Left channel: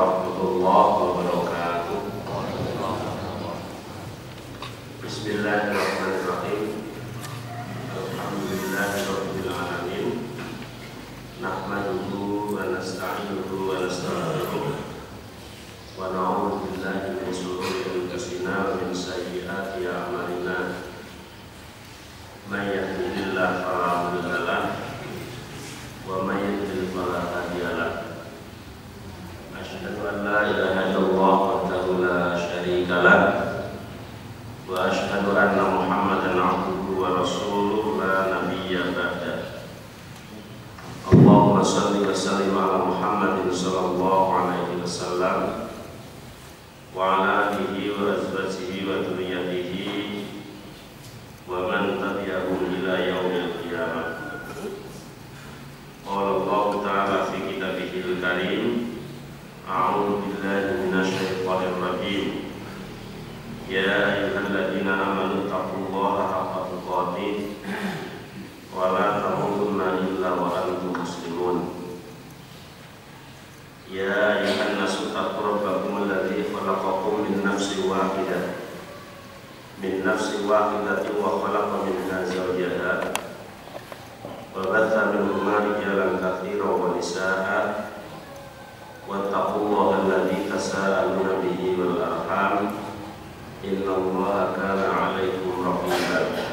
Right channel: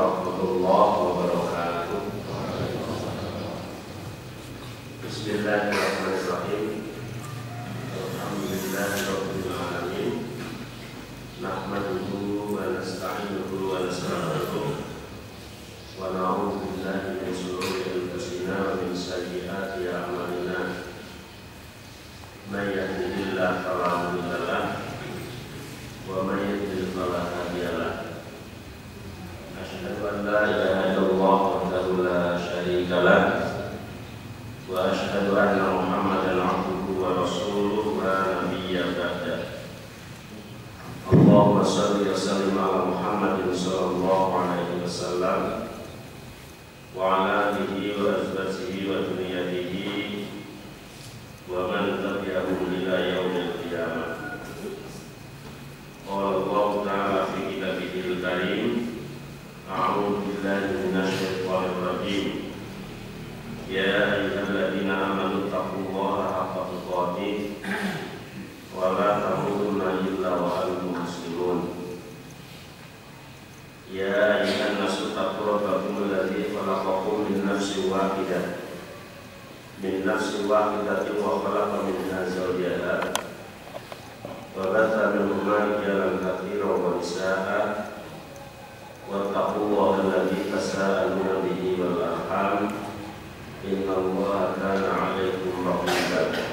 warahmatullahi wabarakatuh. Bismillahirrahmanirrahim. Alhamdulillahirabbil alamin. Nahmaduhu wa nasta'inuhu wa nastaghfiruh. Wa na'udzu billahi min shururi anfusina wa min sayyiati a'malina. May yahdihillahu fala mudilla lahu wa may yudlil fala hadiya lahu. Asyhadu an la ilaha illallah wahdahu la syarika lahu wa asyhadu anna Muhammadan abduhu wa rasuluhu la nabiyya ba'da. Allahumma shalli wa sallim ala Muhammadin sallallahu alaihi wasallam wa ala alihi wa azwajihi wa dzurriyyatihi wa man tabi'ahum ila yaumil qiyamah. Qala Allah ta'ala fi kitabihil karim, a'udzu billahi minasy syaithanir rajim. Ya ayyuhalladzina amanu taqullaha haqqa tuqatih wa la tamutunna illa wa antum muslimun. Ya ayyuhan nasu taqu rabbakum alladzi khalaqakum min nafsin wahidah wa khalaqa minha zawjaha wa batha minhuma rijalan katsiran wa nisaa'a wattaqullaha alladzi tasaaluna bihi wal arham innallaha kana 'alaikum raqiba.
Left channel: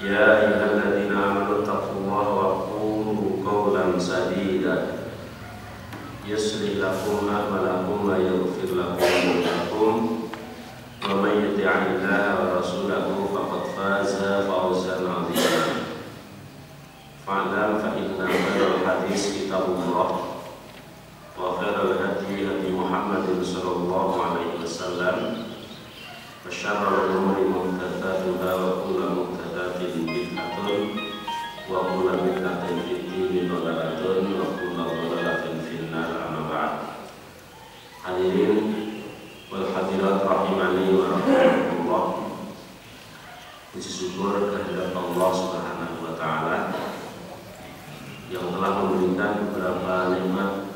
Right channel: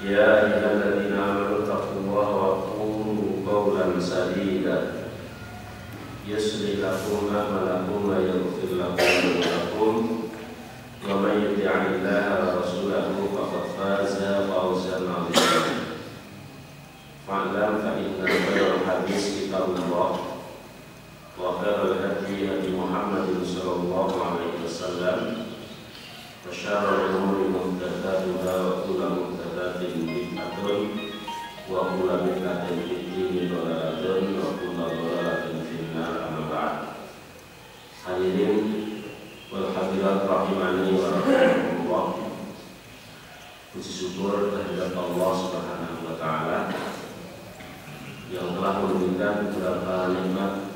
Ya ayyuhalladzina amanu taqullaha wa qulu qawlan sadida yuslih lakum a'malakum wa yaghfir lakum dhunubakum wa may yuti'illaha wa rasulahu faqad faza fawzan 'azima. Fa'lam fa inna khairal hadits kitabullah wa khairal hadi hadi Muhammadin sallallahu alaihi wasallam wa syarrul umuri muhdatsatuha wa kullu muhdatsatin bid'atun wa kullu bid'atin fid-din dhalalatun wa kullu dhalalatin fin-nar. Amma ba'd. Hadirin wal hadirat rahimani wa rahimakumullah. Puji syukur kehadirat Allah Subhanahu wa taala yang telah memberikan beberapa nikmat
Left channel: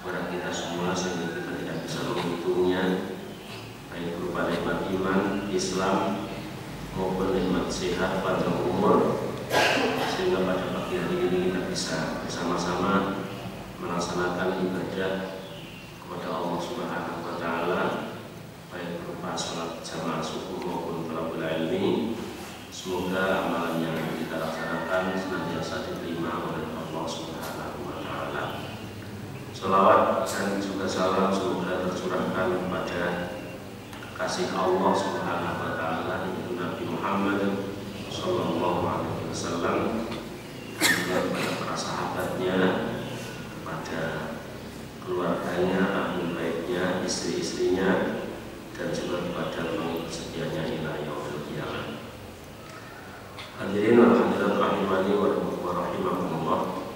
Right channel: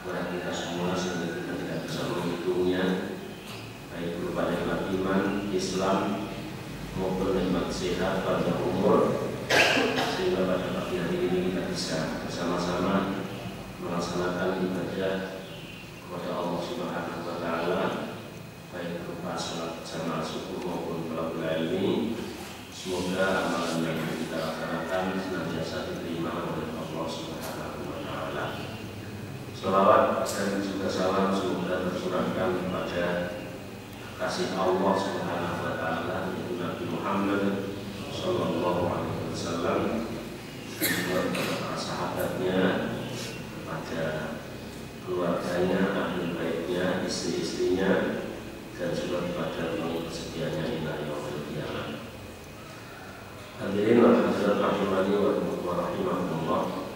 kepada kita semua sehingga kita tidak bisa menghitungnya, baik berupa nikmat iman, Islam maupun nikmat sehat pada umur, sehingga pada pagi hari ini kita bisa bersama-sama melaksanakan ibadah kepada Allah Subhanahu wa taala, baik berupa salat jamaah subuh maupun thalabul ilmi. Semoga amalan yang kita laksanakan senantiasa diterima oleh Allah Subhanahu wa taala. Salawat dan juga salam semoga tercurahkan kepada kasih Allah Subhanahu wa taala yaitu Nabi Muhammad sallallahu alaihi wasallam, kepada sahabatnya, kepada keluarganya, ahli baitnya, istri-istrinya, dan juga kepada pengikut setianya ila yaumil qiyamah. Hadirin wa hadirat rahimani wa rahimakumullah,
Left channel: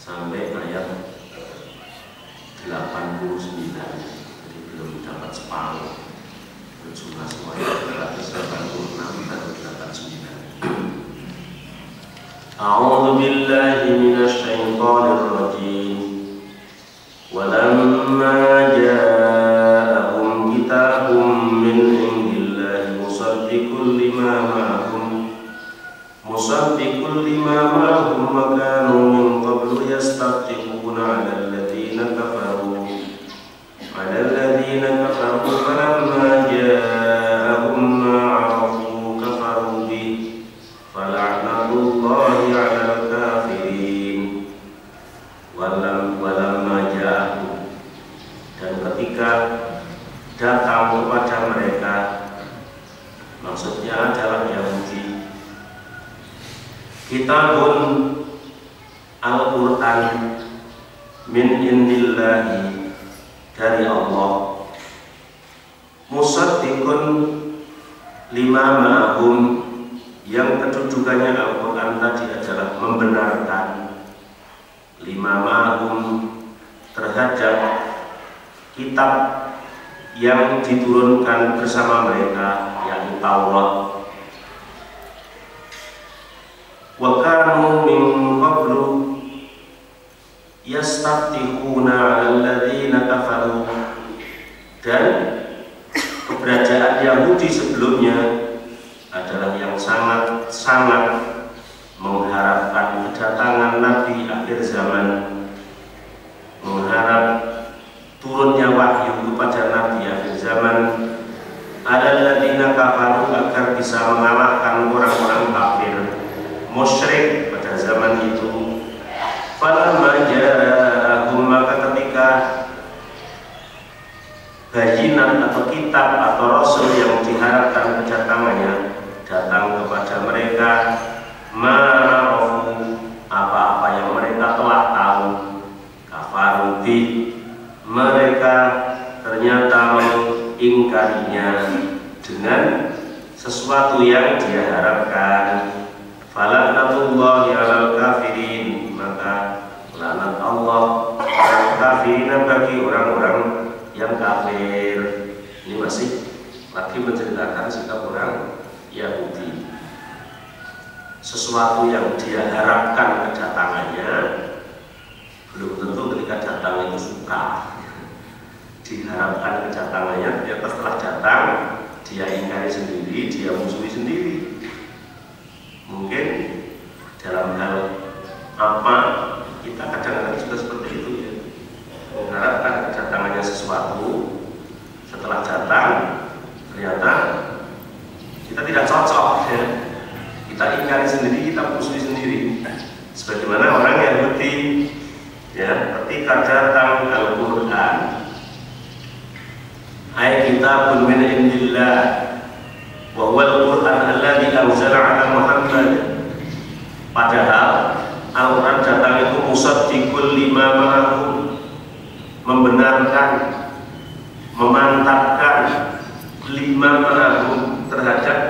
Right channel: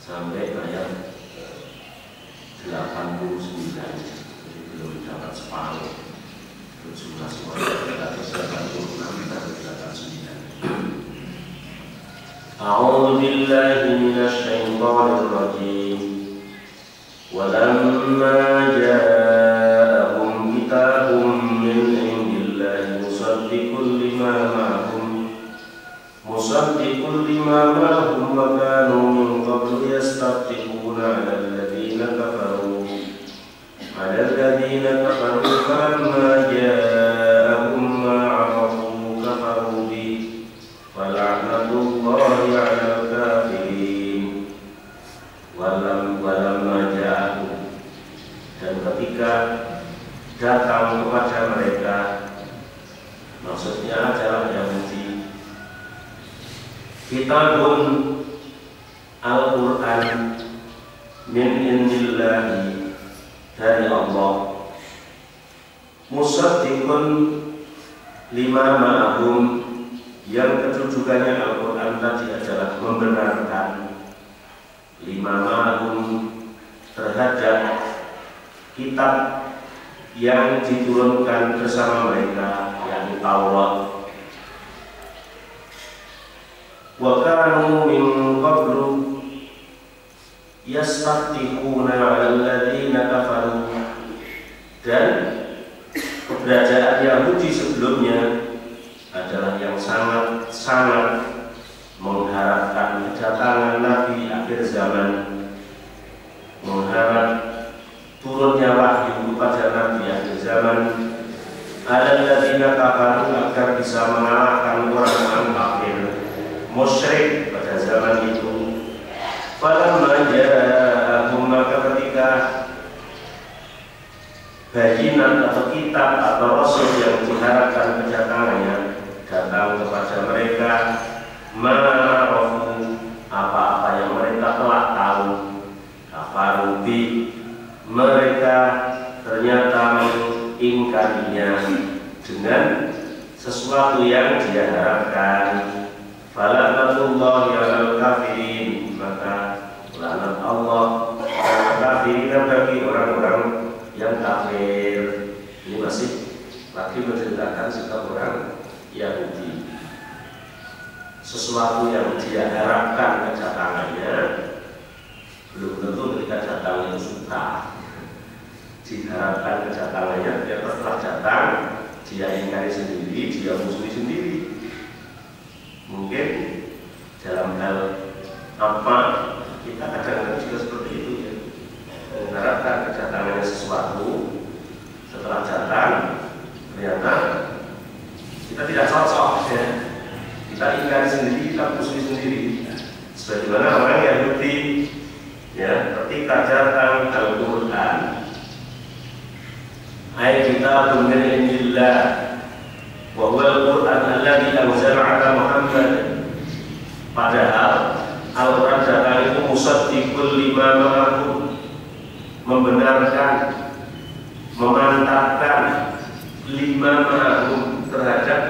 sampai ayat 89, jadi belum dapat separuh jumlah suara, berarti 86 dan 89. A'udzu billahi minasy syaithanir rajim. Walamma ja'ahum kitabun min indillahi musaddiqun lima ma'ahum wa kanu min qablu yastaftiquna 'alal ladzina kafaru falamma ja'ahum ma 'arafu kafaru bihi fala'natullahi 'alal kafirin. Walamma ja'ahum, dan ketika datang kepada mereka, maksudnya adalah Yahudi, kitabun Al-Quran min indillahi, dari Allah, musaddiqun lima ma'ahum, yang kedudukannya Al-Quran tadi adalah membenarkan lima ma'ahum, terhadap kitab yang diturunkan bersama mereka, yakni Taurat. Wa kanu min qablu, yastaftihuna 'alal ladzina kafaru, dan keberadaan Yahudi sebelumnya adalah yang sangat mengharapkan kedatangan Nabi akhir zaman, mengharap turunnya wahyu kepada Nabi akhir zaman, alladzina kafaru, agar bisa mengalahkan orang-orang kafir musyrik pada zaman itu. Falamma ja'ahum, maka ketika bayinan atau kitab atau rasul yang diharapkan kedatangannya datang kepada mereka, ma'arafu, apa-apa yang mereka telah tahu, kafaru bi, mereka ternyata mengingkarinya dengan sesuatu yang dia harapkan. Fala'natullahi 'alal kafirin, maka laknat Allah pada kafirin, bagi orang-orang yang kafir. Ini masih lagi menceritakan sikap orang Yahudi. Sesuatu yang dia harapkan kedatangannya, belum tentu ketika datang itu suka. Diharapkan kedatangannya, ternyata setelah datang dia ingkari sendiri, dia musuhi sendiri. Mungkin dalam hal apa kita kadang-kadang juga seperti itu ya, mengharapkan kedatangannya sesuatu, setelah datang ternyata kita tidak cocok ya. Kita ingkari sendiri, kita musuhi sendiri. Sebagaimana orang Yahudi ya, ketika datang Al-Quran, ayat kitabun min indillah wa huwa al-Quran alladzi anzala 'ala Muhammad, padahal Al-Quran datang itu musaddiqul lima ma'ahum, membenarkan, memantapkan lima ma'ahum, terhadap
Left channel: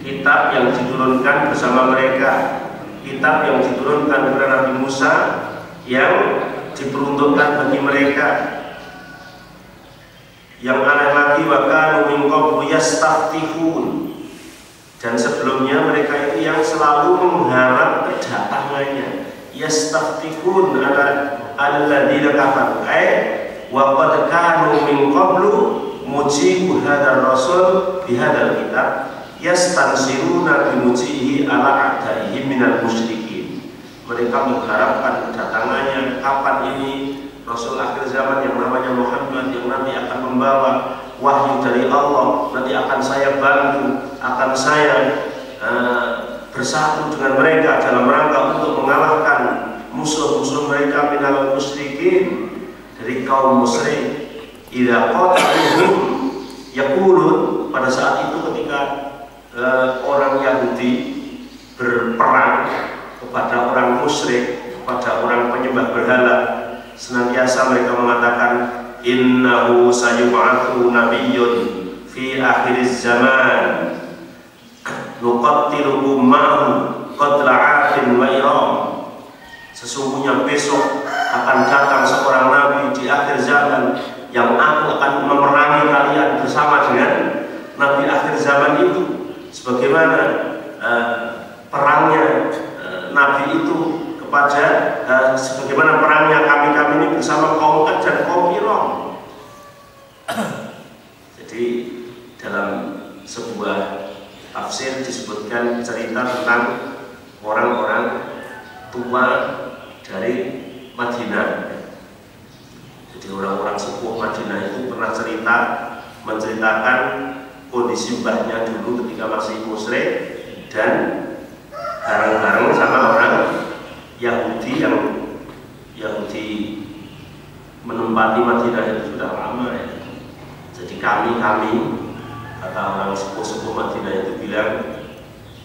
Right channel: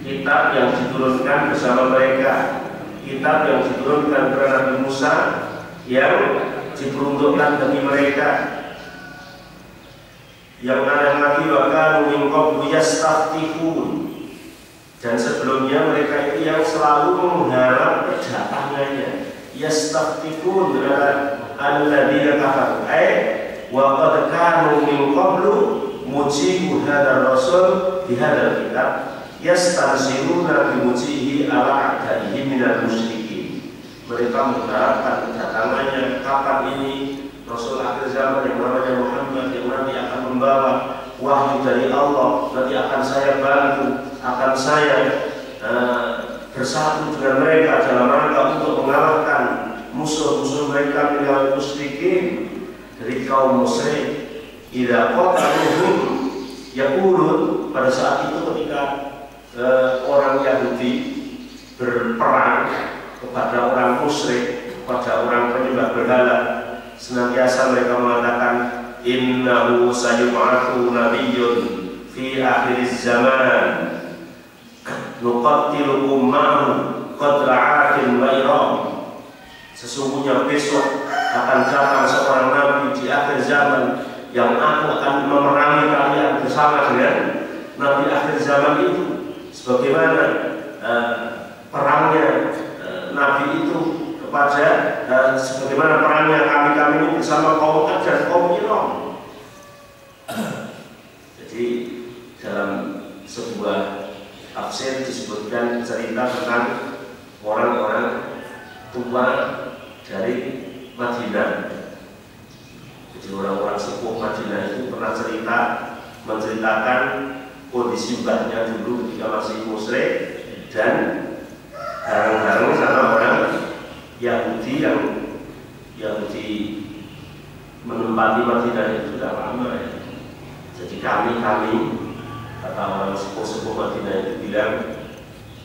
kitab yang diturunkan bersama mereka, kitab yang diturunkan kepada Nabi Musa yang diperuntukkan bagi mereka. Yang ada lagi, wa kanu min qablu yastaftihun, dan sebelumnya mereka itu yang selalu mengharap kedatangannya. Yastaftihun ala alladzina kafaru, wa qad kanu min qablu mujibu hadzal rasul bi hadzal kitab yastansiruna bi mujihi ala a'daihim minal musyrikin. Mereka mengharapkan kedatangannya, kapan ini Rasul akhir zaman yang namanya Muhammad, yang nanti akan membawa wahyu dari Allah, nanti akan saya bantu, akan saya bersatu dengan mereka dalam rangka untuk mengalahkan musuh-musuh mereka minal musyrikin, dari kaum musyrik. Idza qataluhum yaqulun, pada saat itu ketika orang Yahudi berperang kepada orang musyrik, kepada orang penyembah berhala, senantiasa mereka mengatakan, innahu sayub'atsu nabiyyun fi akhiriz zaman nuqattilu ummahu qatla 'adin wa iram. Sesungguhnya besok akan datang seorang nabi di akhir zaman yang aku akan memerangi kalian bersama dengan nabi akhir zaman itu, sebagaimana perangnya nabi itu kepada sebagaimana perangnya kami ini bersama kaum Ad dan kaum Iram. Jadi dalam sebuah tafsir disebutkan cerita tentang orang-orang tua dari Madinah. Jadi orang-orang sepuh Madinah itu pernah menceritakan kondisi mbahnya dulu ketika masih musyrik dan bareng-bareng sama orang Yahudi yang Yahudi menempati Madinah itu sudah lama ya. Jadi kami kata orang sepuh-sepuh Madinah itu bilang,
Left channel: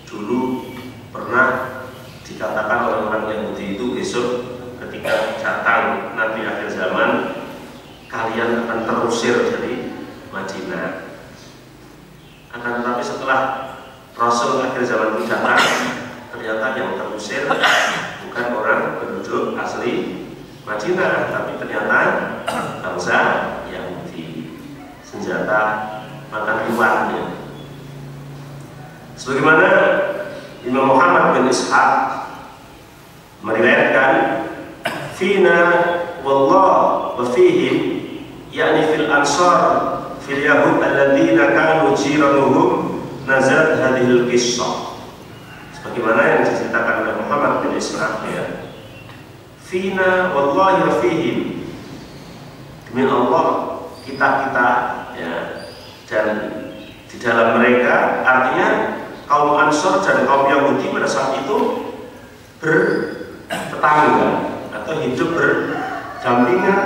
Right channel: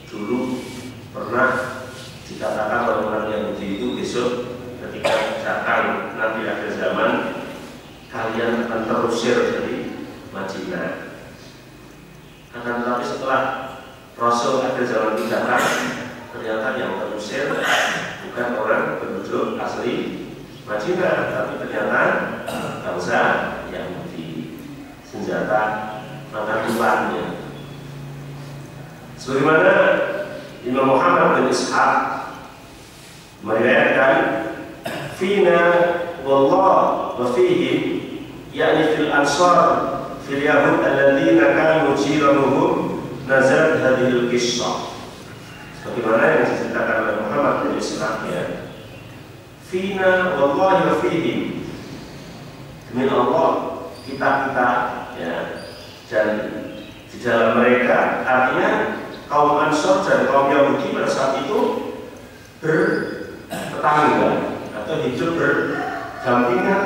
dulu pernah dikatakan orang-orang Yahudi itu besok ketika datang Nabi akhir zaman kalian akan terusir dari Madinah. Akan tetapi setelah Rasul akhir zaman itu datang, ternyata yang terusir bukan orang penduduk asli Madinah, tapi ternyata bangsa Yahudi, senjata mata tuannya. Sebagaimana Imam Muhammad bin Ishaq meriwayatkan fina wallah wa fihim, yakni fil ansar fil yahud alladzina kanu jiranuhum, nazalat hadhil qissah. Sebagaimana yang diceritakan oleh Muhammad bin Israq, ya, fina wallahi wa fihim, demi Allah kita, ya, dan di dalam mereka, artinya kaum Ansor dan kaum Yahudi pada saat itu bertetangga atau hidup berdampingan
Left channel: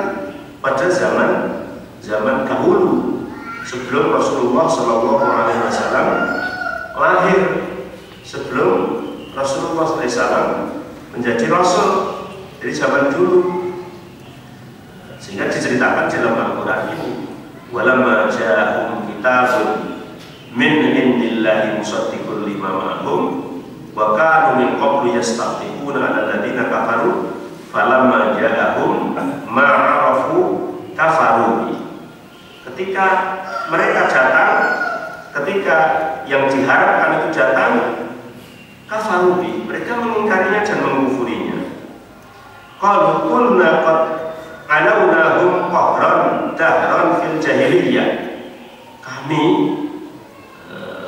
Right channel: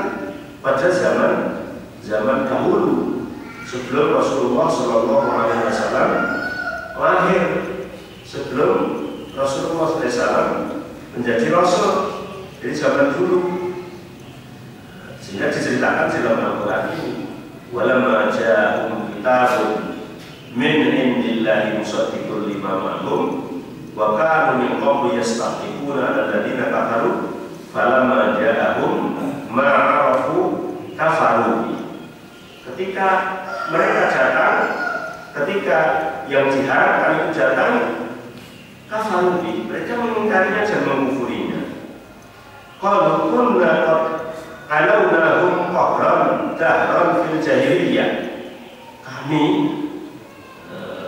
pada zaman dahulu sebelum Rasulullah SAW lahir, sebelum Rasulullah SAW menjadi Rasul. Jadi zaman dulu, sehingga diceritakan dalam Al-Quran ini, walamma ja'ahum kitabun min indillahi musaddiqun lima ma'hum wa kanu min qablu yastahliquna 'ala alladziina kafaru falamma ja'ahum ma 'arafu kafaru. Ketika mereka datang, ketika yang diharapkan itu datang, kafaru, mereka mengingkarinya dan mengkufurinya. Qalu kunna qad alawnahum qahran dahran fil jahiliyah. Kami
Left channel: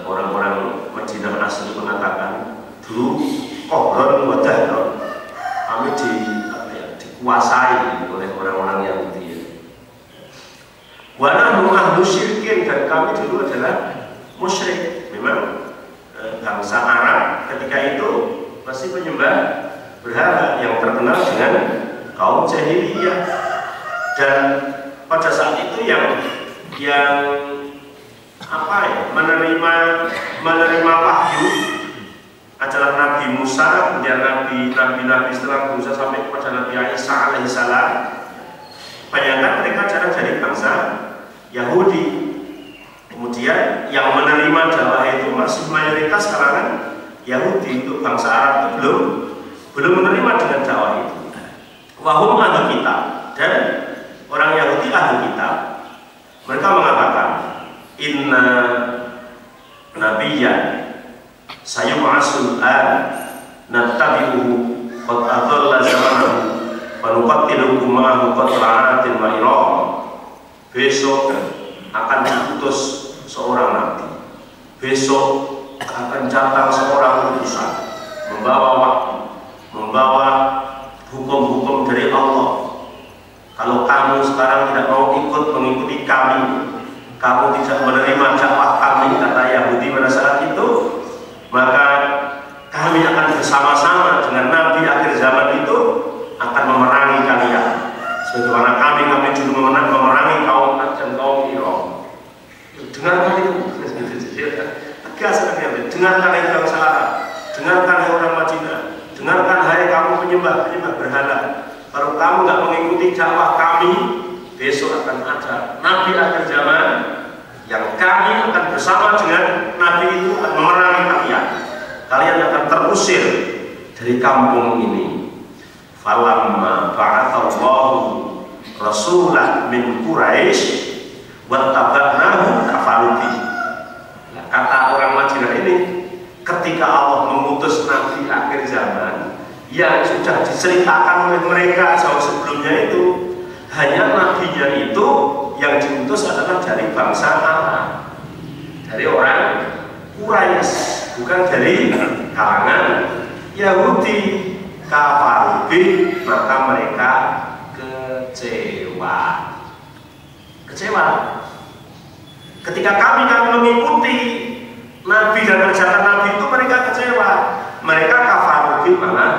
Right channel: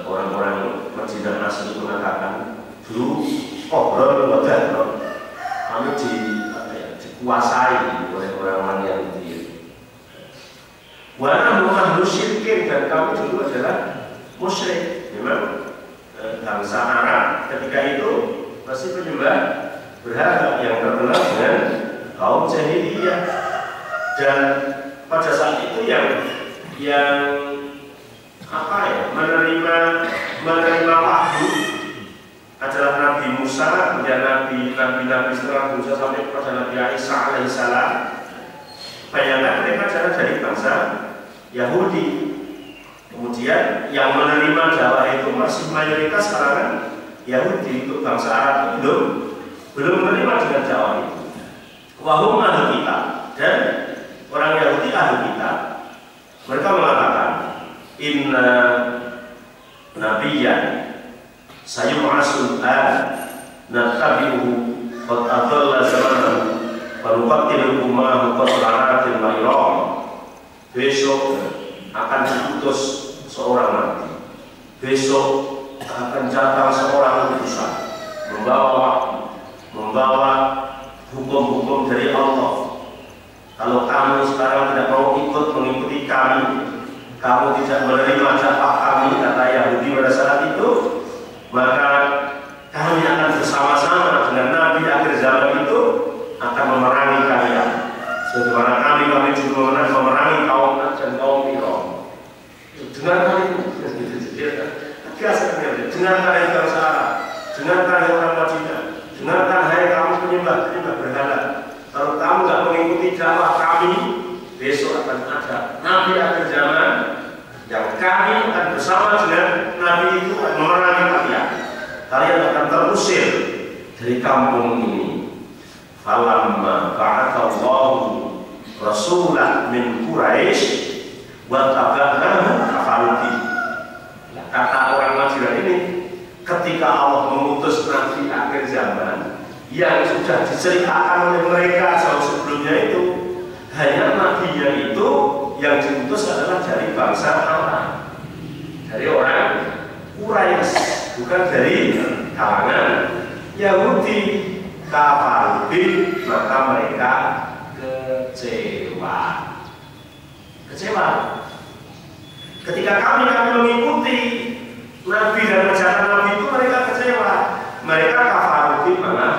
orang-orang Madinah asli mengatakan dulu qahran wa dahran, kami dikuasai oleh orang-orang Yahudi. Wa nahnu ahlu syirkin, dan kami dulu adalah musyrik. Memang bangsa Arab ketika itu masih penyembah berhala yang terkenal dengan kaum jahiliyah. Dan pada saat itu yang menerima wahyu adalah Nabi Musa, kemudian Nabi setelah Musa sampai kepada Nabi Isa alaihissalam. Bayangkan mereka adalah dari bangsa Yahudi. Kemudian yang menerima dakwah itu masih mayoritas kalangan Yahudi. Untuk bangsa Arab itu belum menerima dengan dakwah itu. Wahum ahli kitab, dan orang Yahudi ahli kitab. Mereka mengatakan inna nabiyyan sayub'atsul an nattabi'uhu qad adalla zamanahu wa nuqattiluhu ma'ahu qatla'atin wa iram. Besok akan diutus seorang nabi, besok akan datang seorang utusan membawa wahyu, membawa hukum-hukum dari Allah. Kalau kamu sekarang tidak mau mengikuti kami, kamu tidak menerima dakwah kami, kata Yahudi pada saat itu, maka kami akan bersama-sama dengan Nabi akhir zaman itu akan memerangi kalian. Sebagaimana kami dulu memerangi kaum Ad dan kaum Iram. Dengarkan itu, tegas sekali. Dengarkan hai bangsa Arab, dengarkan hai orang Madinah, dengarkan hai kamu penyembah berhala. Kalau kamu nggak mengikuti dakwah kami, besok akan ada Nabi akhir zaman yang kami akan bersama dengan Nabi itu akan memerangi kalian. Kalian akan terusir dari kampung ini. Falamma ba'athallahu rasulan min Quraisy wa tabanahu kafaruti. Nah, kata orang Madinah ini, ketika Allah mengutus Nabi akhir zaman yang sudah diceritakan oleh mereka jauh sebelumnya itu, hanya nabinya itu yang diutus adalah dari bangsa Arab, dari orang Quraisy, bukan dari kalangan Yahudi. Kafarubi, maka mereka kecewa. Ketika kami mengikuti Nabi dan ajaran Nabi itu, mereka kecewa. Mereka kafarubi, malah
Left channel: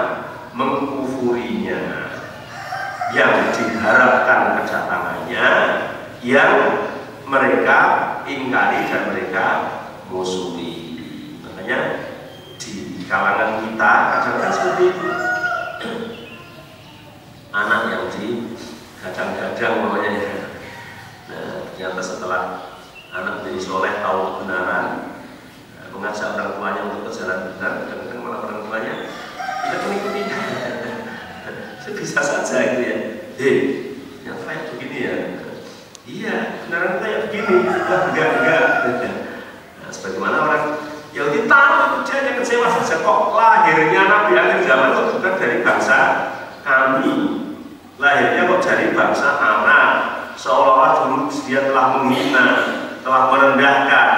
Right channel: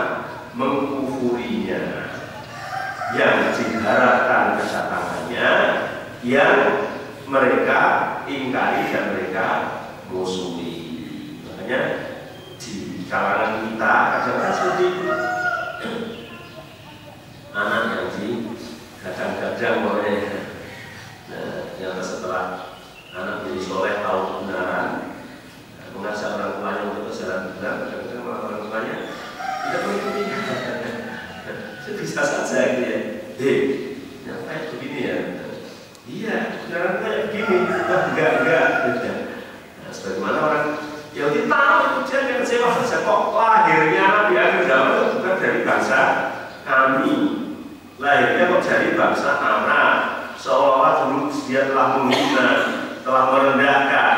mengkufurinya. Yang diharapkan kedatangannya, yang mereka ingkari dan mereka musuhi. Makanya di kalangan kita kadang-kadang seperti itu. Anak yang digadang-gadang namanya. Nah, ternyata setelah anak menjadi soleh, tahu kebenaran, mengajak orang tuanya untuk berjalan benar, kadang-kadang malah orang tuanya tidak mengikutinya. Itu bisa saja gitu ya. Yang kayak begini ya. Iya, kebenaran kayak begini. Enggak. Nah, sebagaimana orang Yahudi tahu itu dia yang kecewa saja, kok lahirnya Nabi akhir zaman itu bukan dari bangsa kami. dari bangsa Arab, seolah-olah dulu dia telah menghina, telah merendahkan.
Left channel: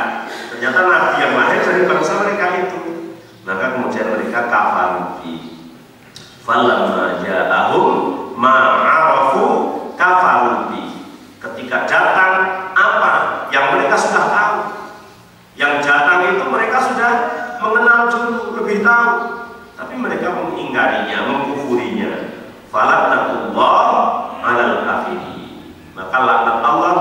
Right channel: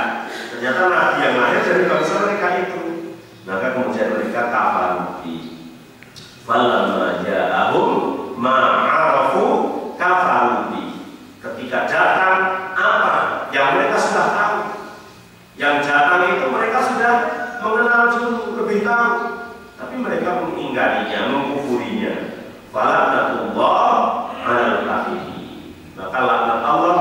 Ternyata nabi yang lahir dari bangsa mereka itu. Maka kemudian mereka kafir. Falamma ja'ahum ma'arafu kafaru. Ketika datang apa yang mereka sudah tahu, yang datang itu mereka sudah mengenal dulu, lebih tahu, tapi mereka mengingkarinya, mengkufurinya. Falaknatullah 'alal kafirin. Maka laknat Allah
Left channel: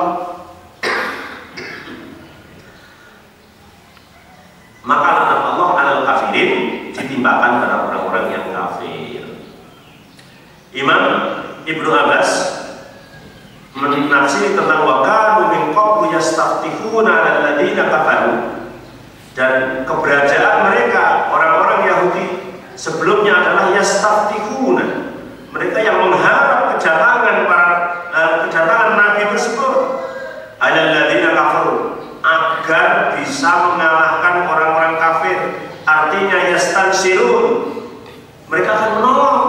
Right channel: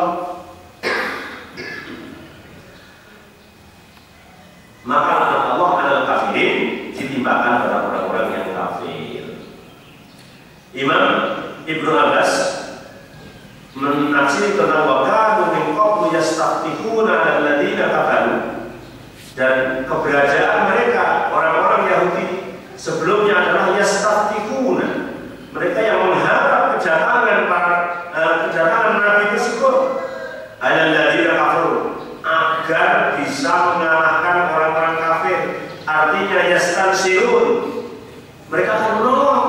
ditimpakan pada orang-orang yang kafir. Imam Ibnu Abbas menafsir tentang wakanu min qablu yastaftihuna 'alal ladzina kafaru, dan keberadaan mereka orang-orang Yahudi sebelumnya adalah yastaftihuna, mereka yang mengharap kedatangan nabi tersebut 'alal ladzina kafaru, agar bisa mengalahkan orang-orang kafir. Artinya yastansirun, mereka akan menolong.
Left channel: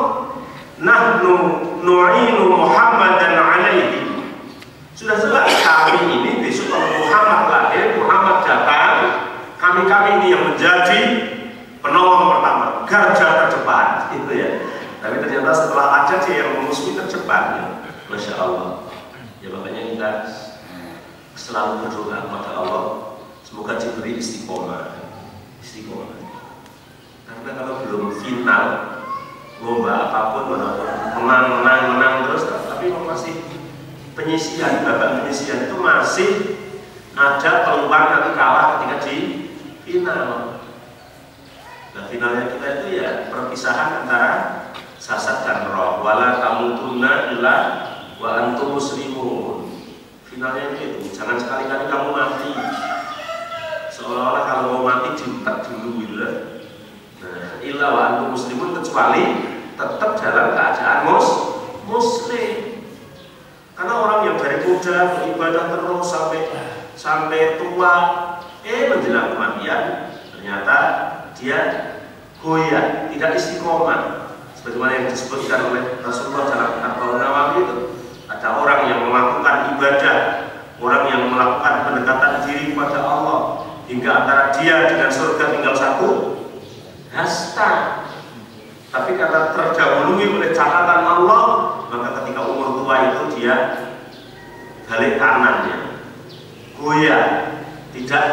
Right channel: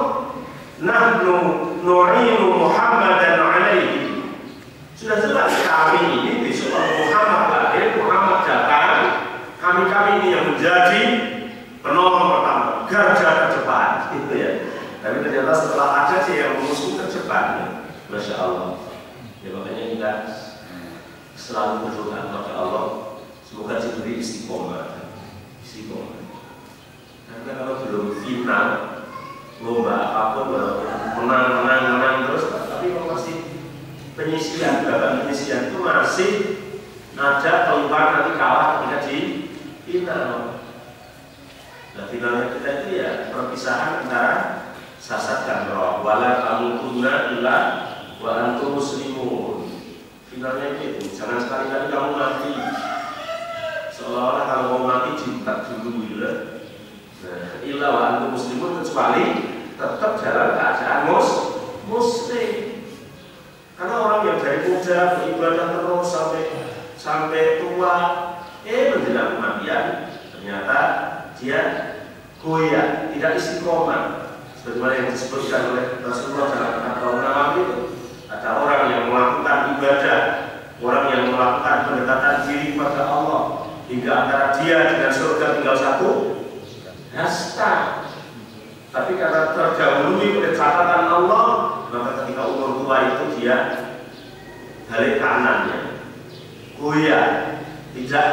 Nahnu nu'inu Muhammadan alaihi, sudah jelas kami ini besok Muhammad lahir, Muhammad datang, kami ini yang menjadi penolong pertama, garda terdepan, gitu ya. Tapi ternyata setelah ada dia yang musuh terdepan, masya Allah. Ya makanya kita selalu berdoa kepada Allah, semoga diberi istiqomah. Karena kalau belum final lomba apapun, menang terus, tapi masih penyisian, babak penyisian itu masih ada peluang nanti kalah ketika di final. Nah, finalnya kita itu ya perpisahan antara sasat dan roh. Wala tamutunna illa wa antum muslimun. Finalnya itu, jangan sekali-kali kamu mati seolah-olah kalau mau mati diutak dulu gitu lah. Nah, illa wa antum muslimun, kecuali tetap dalam keadaan muslim. Karena orang yang dari muda beribadah terus sampai tua, menjelang kematian ternyata dia goyah, tidak istiqomah. Sebagaimana yang disebutkan oleh Rasulullah dalam kitab Nawawi itu, ada orang yang melakukan ibadah, orang yang melakukan pendekatan diri kepada Allah, hingga antara dia dengan surga tinggal satu hasta. Tapi karena terdahului oleh catatan Allah, maka ketika umur tua itu dia balik kanannya, goyah, tidak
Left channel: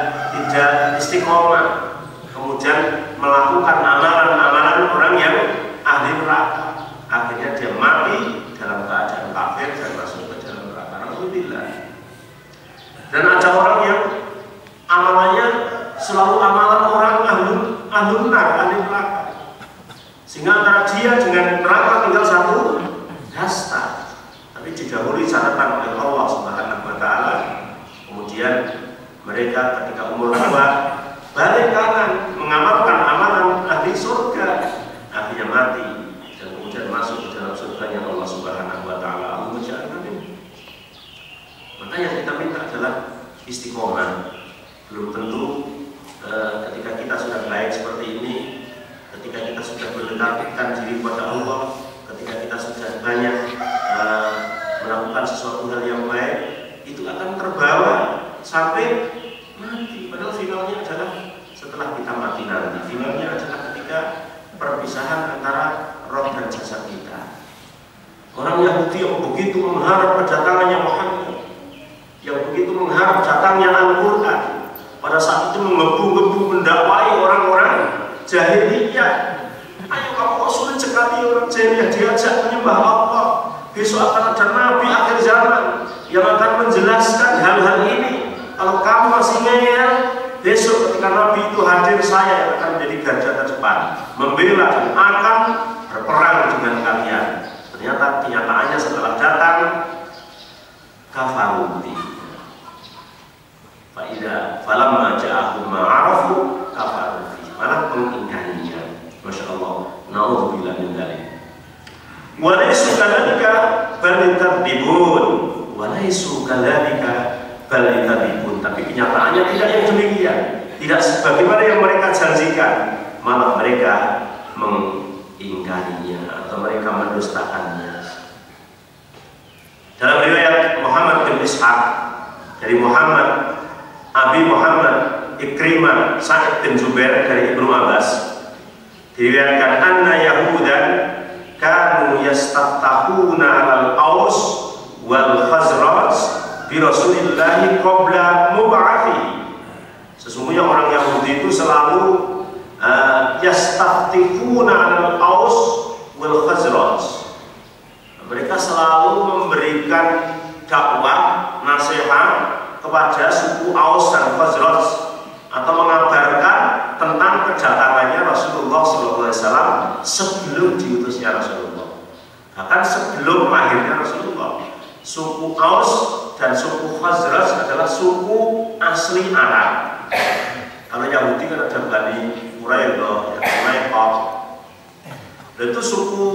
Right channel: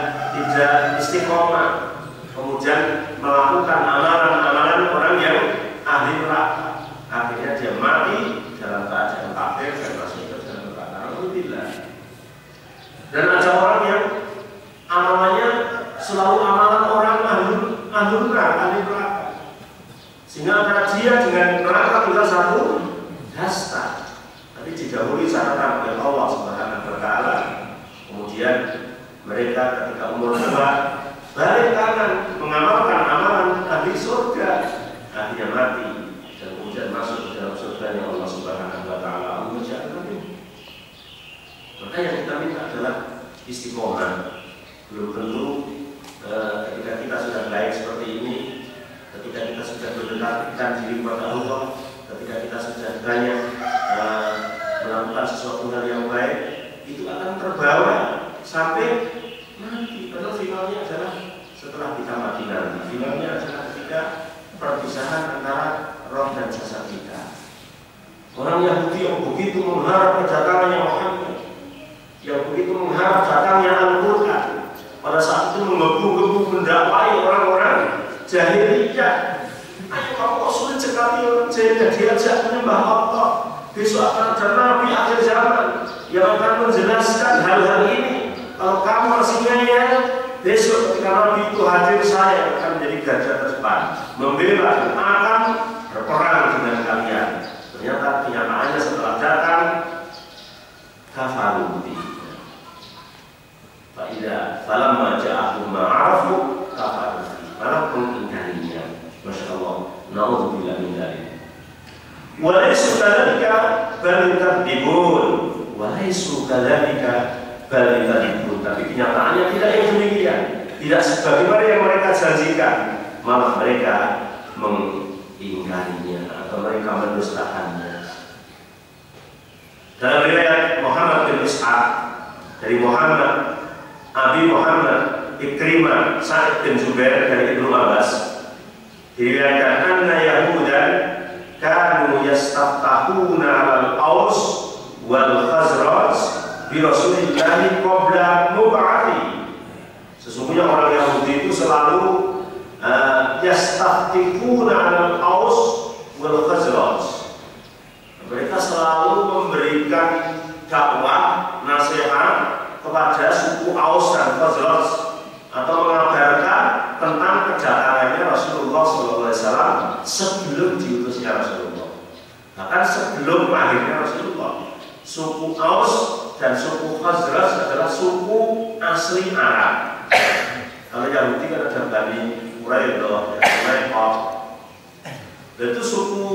istiqomah, kemudian melakukan amalan-amalan orang yang ahli neraka. Akhirnya dia mati dalam keadaan kafir dan masuk ke dalam neraka. Alhamdulillah. Dan ada orang yang amalannya selalu amalan orang ahli neraka, sehingga antara dia dengan neraka tinggal satu hasta. Tapi didahului catatan oleh Allah Subhanahu wa Ta'ala. Kemudian mereka ketika umur tua balik kanan mengamalkan amalan ahli surga, akhirnya mati dan kemudian masuk ke dalam surganya Allah Subhanahu wa Ta'ala. Maka yang kita minta adalah istiqomah. Belum tentu ketika kita sudah baik seperti ini, ketika kita sudah mendekatkan diri kepada Allah, ketika kita sudah banyak melakukan sesuatu hal yang baik, itu akan terbawa sampai mati. Padahal finalnya adalah setelah kita mati nanti. Finalnya adalah ketika perpisahan antara roh dan jasad kita. Orang Yahudi yang begitu mengharap kedatangannya Muhammad, yang begitu mengharap datangnya Al-Quran, pada saat itu menggebu-gebu mendakwai orang-orang jahiliyah. Ayo kamu kok sulit sekali orang jahiliyah diajak menyembah Allah. Besok akan ada nabi akhir zaman yang akan menjelaskan hal-hal ini. Kalau kamu masih ngeyel, besok ketika nabi itu hadir, saya akan menjadi garda terdepan, membela dan akan berperang dengan kalian. Ternyata kenyataannya setelah datang kafaru. Fa'idha falamma ja'ahum ma'arafu kafaru, malah mengingkarinya. Masya Allah, na'udzubillah min dzalik. Walaisu kadzalika bal yukadzibun, walaisu kadzalika bal yukadzibun. Tapi kenyataannya tidak yang demikian, tidak sebagaimana yang mereka janjikan, malah mereka mengingkarinya atau mereka mendustakannya. Dalam riwayat Muhammad bin Ishaq dari Muhammad Abi Muhammad Ikrimah Sa'id bin Jubair dari Ibnu Abbas diriwayatkan anna Yahudan kanu yastaftahuna al-Aus wal Khazraj bi Rasulillahi qabla mub'athi. Sesungguhnya orang Yahudi itu selalu yastaftihuna al-Aus wal Khazraj. Mereka selalu memberikan dakwah, nasihat kepada suku Aus dan Khazraj atau mengabarkan tentang kedatangannya Rasulullah SAW sebelum diutusnya Rasulullah. Bahkan sebelum lahirnya Rasulullah, suku Aus dan suku Khazraj adalah suku asli Arab. Kalau Yahudi kan ada Bani Quraidah, Quraidah. Dan itu suku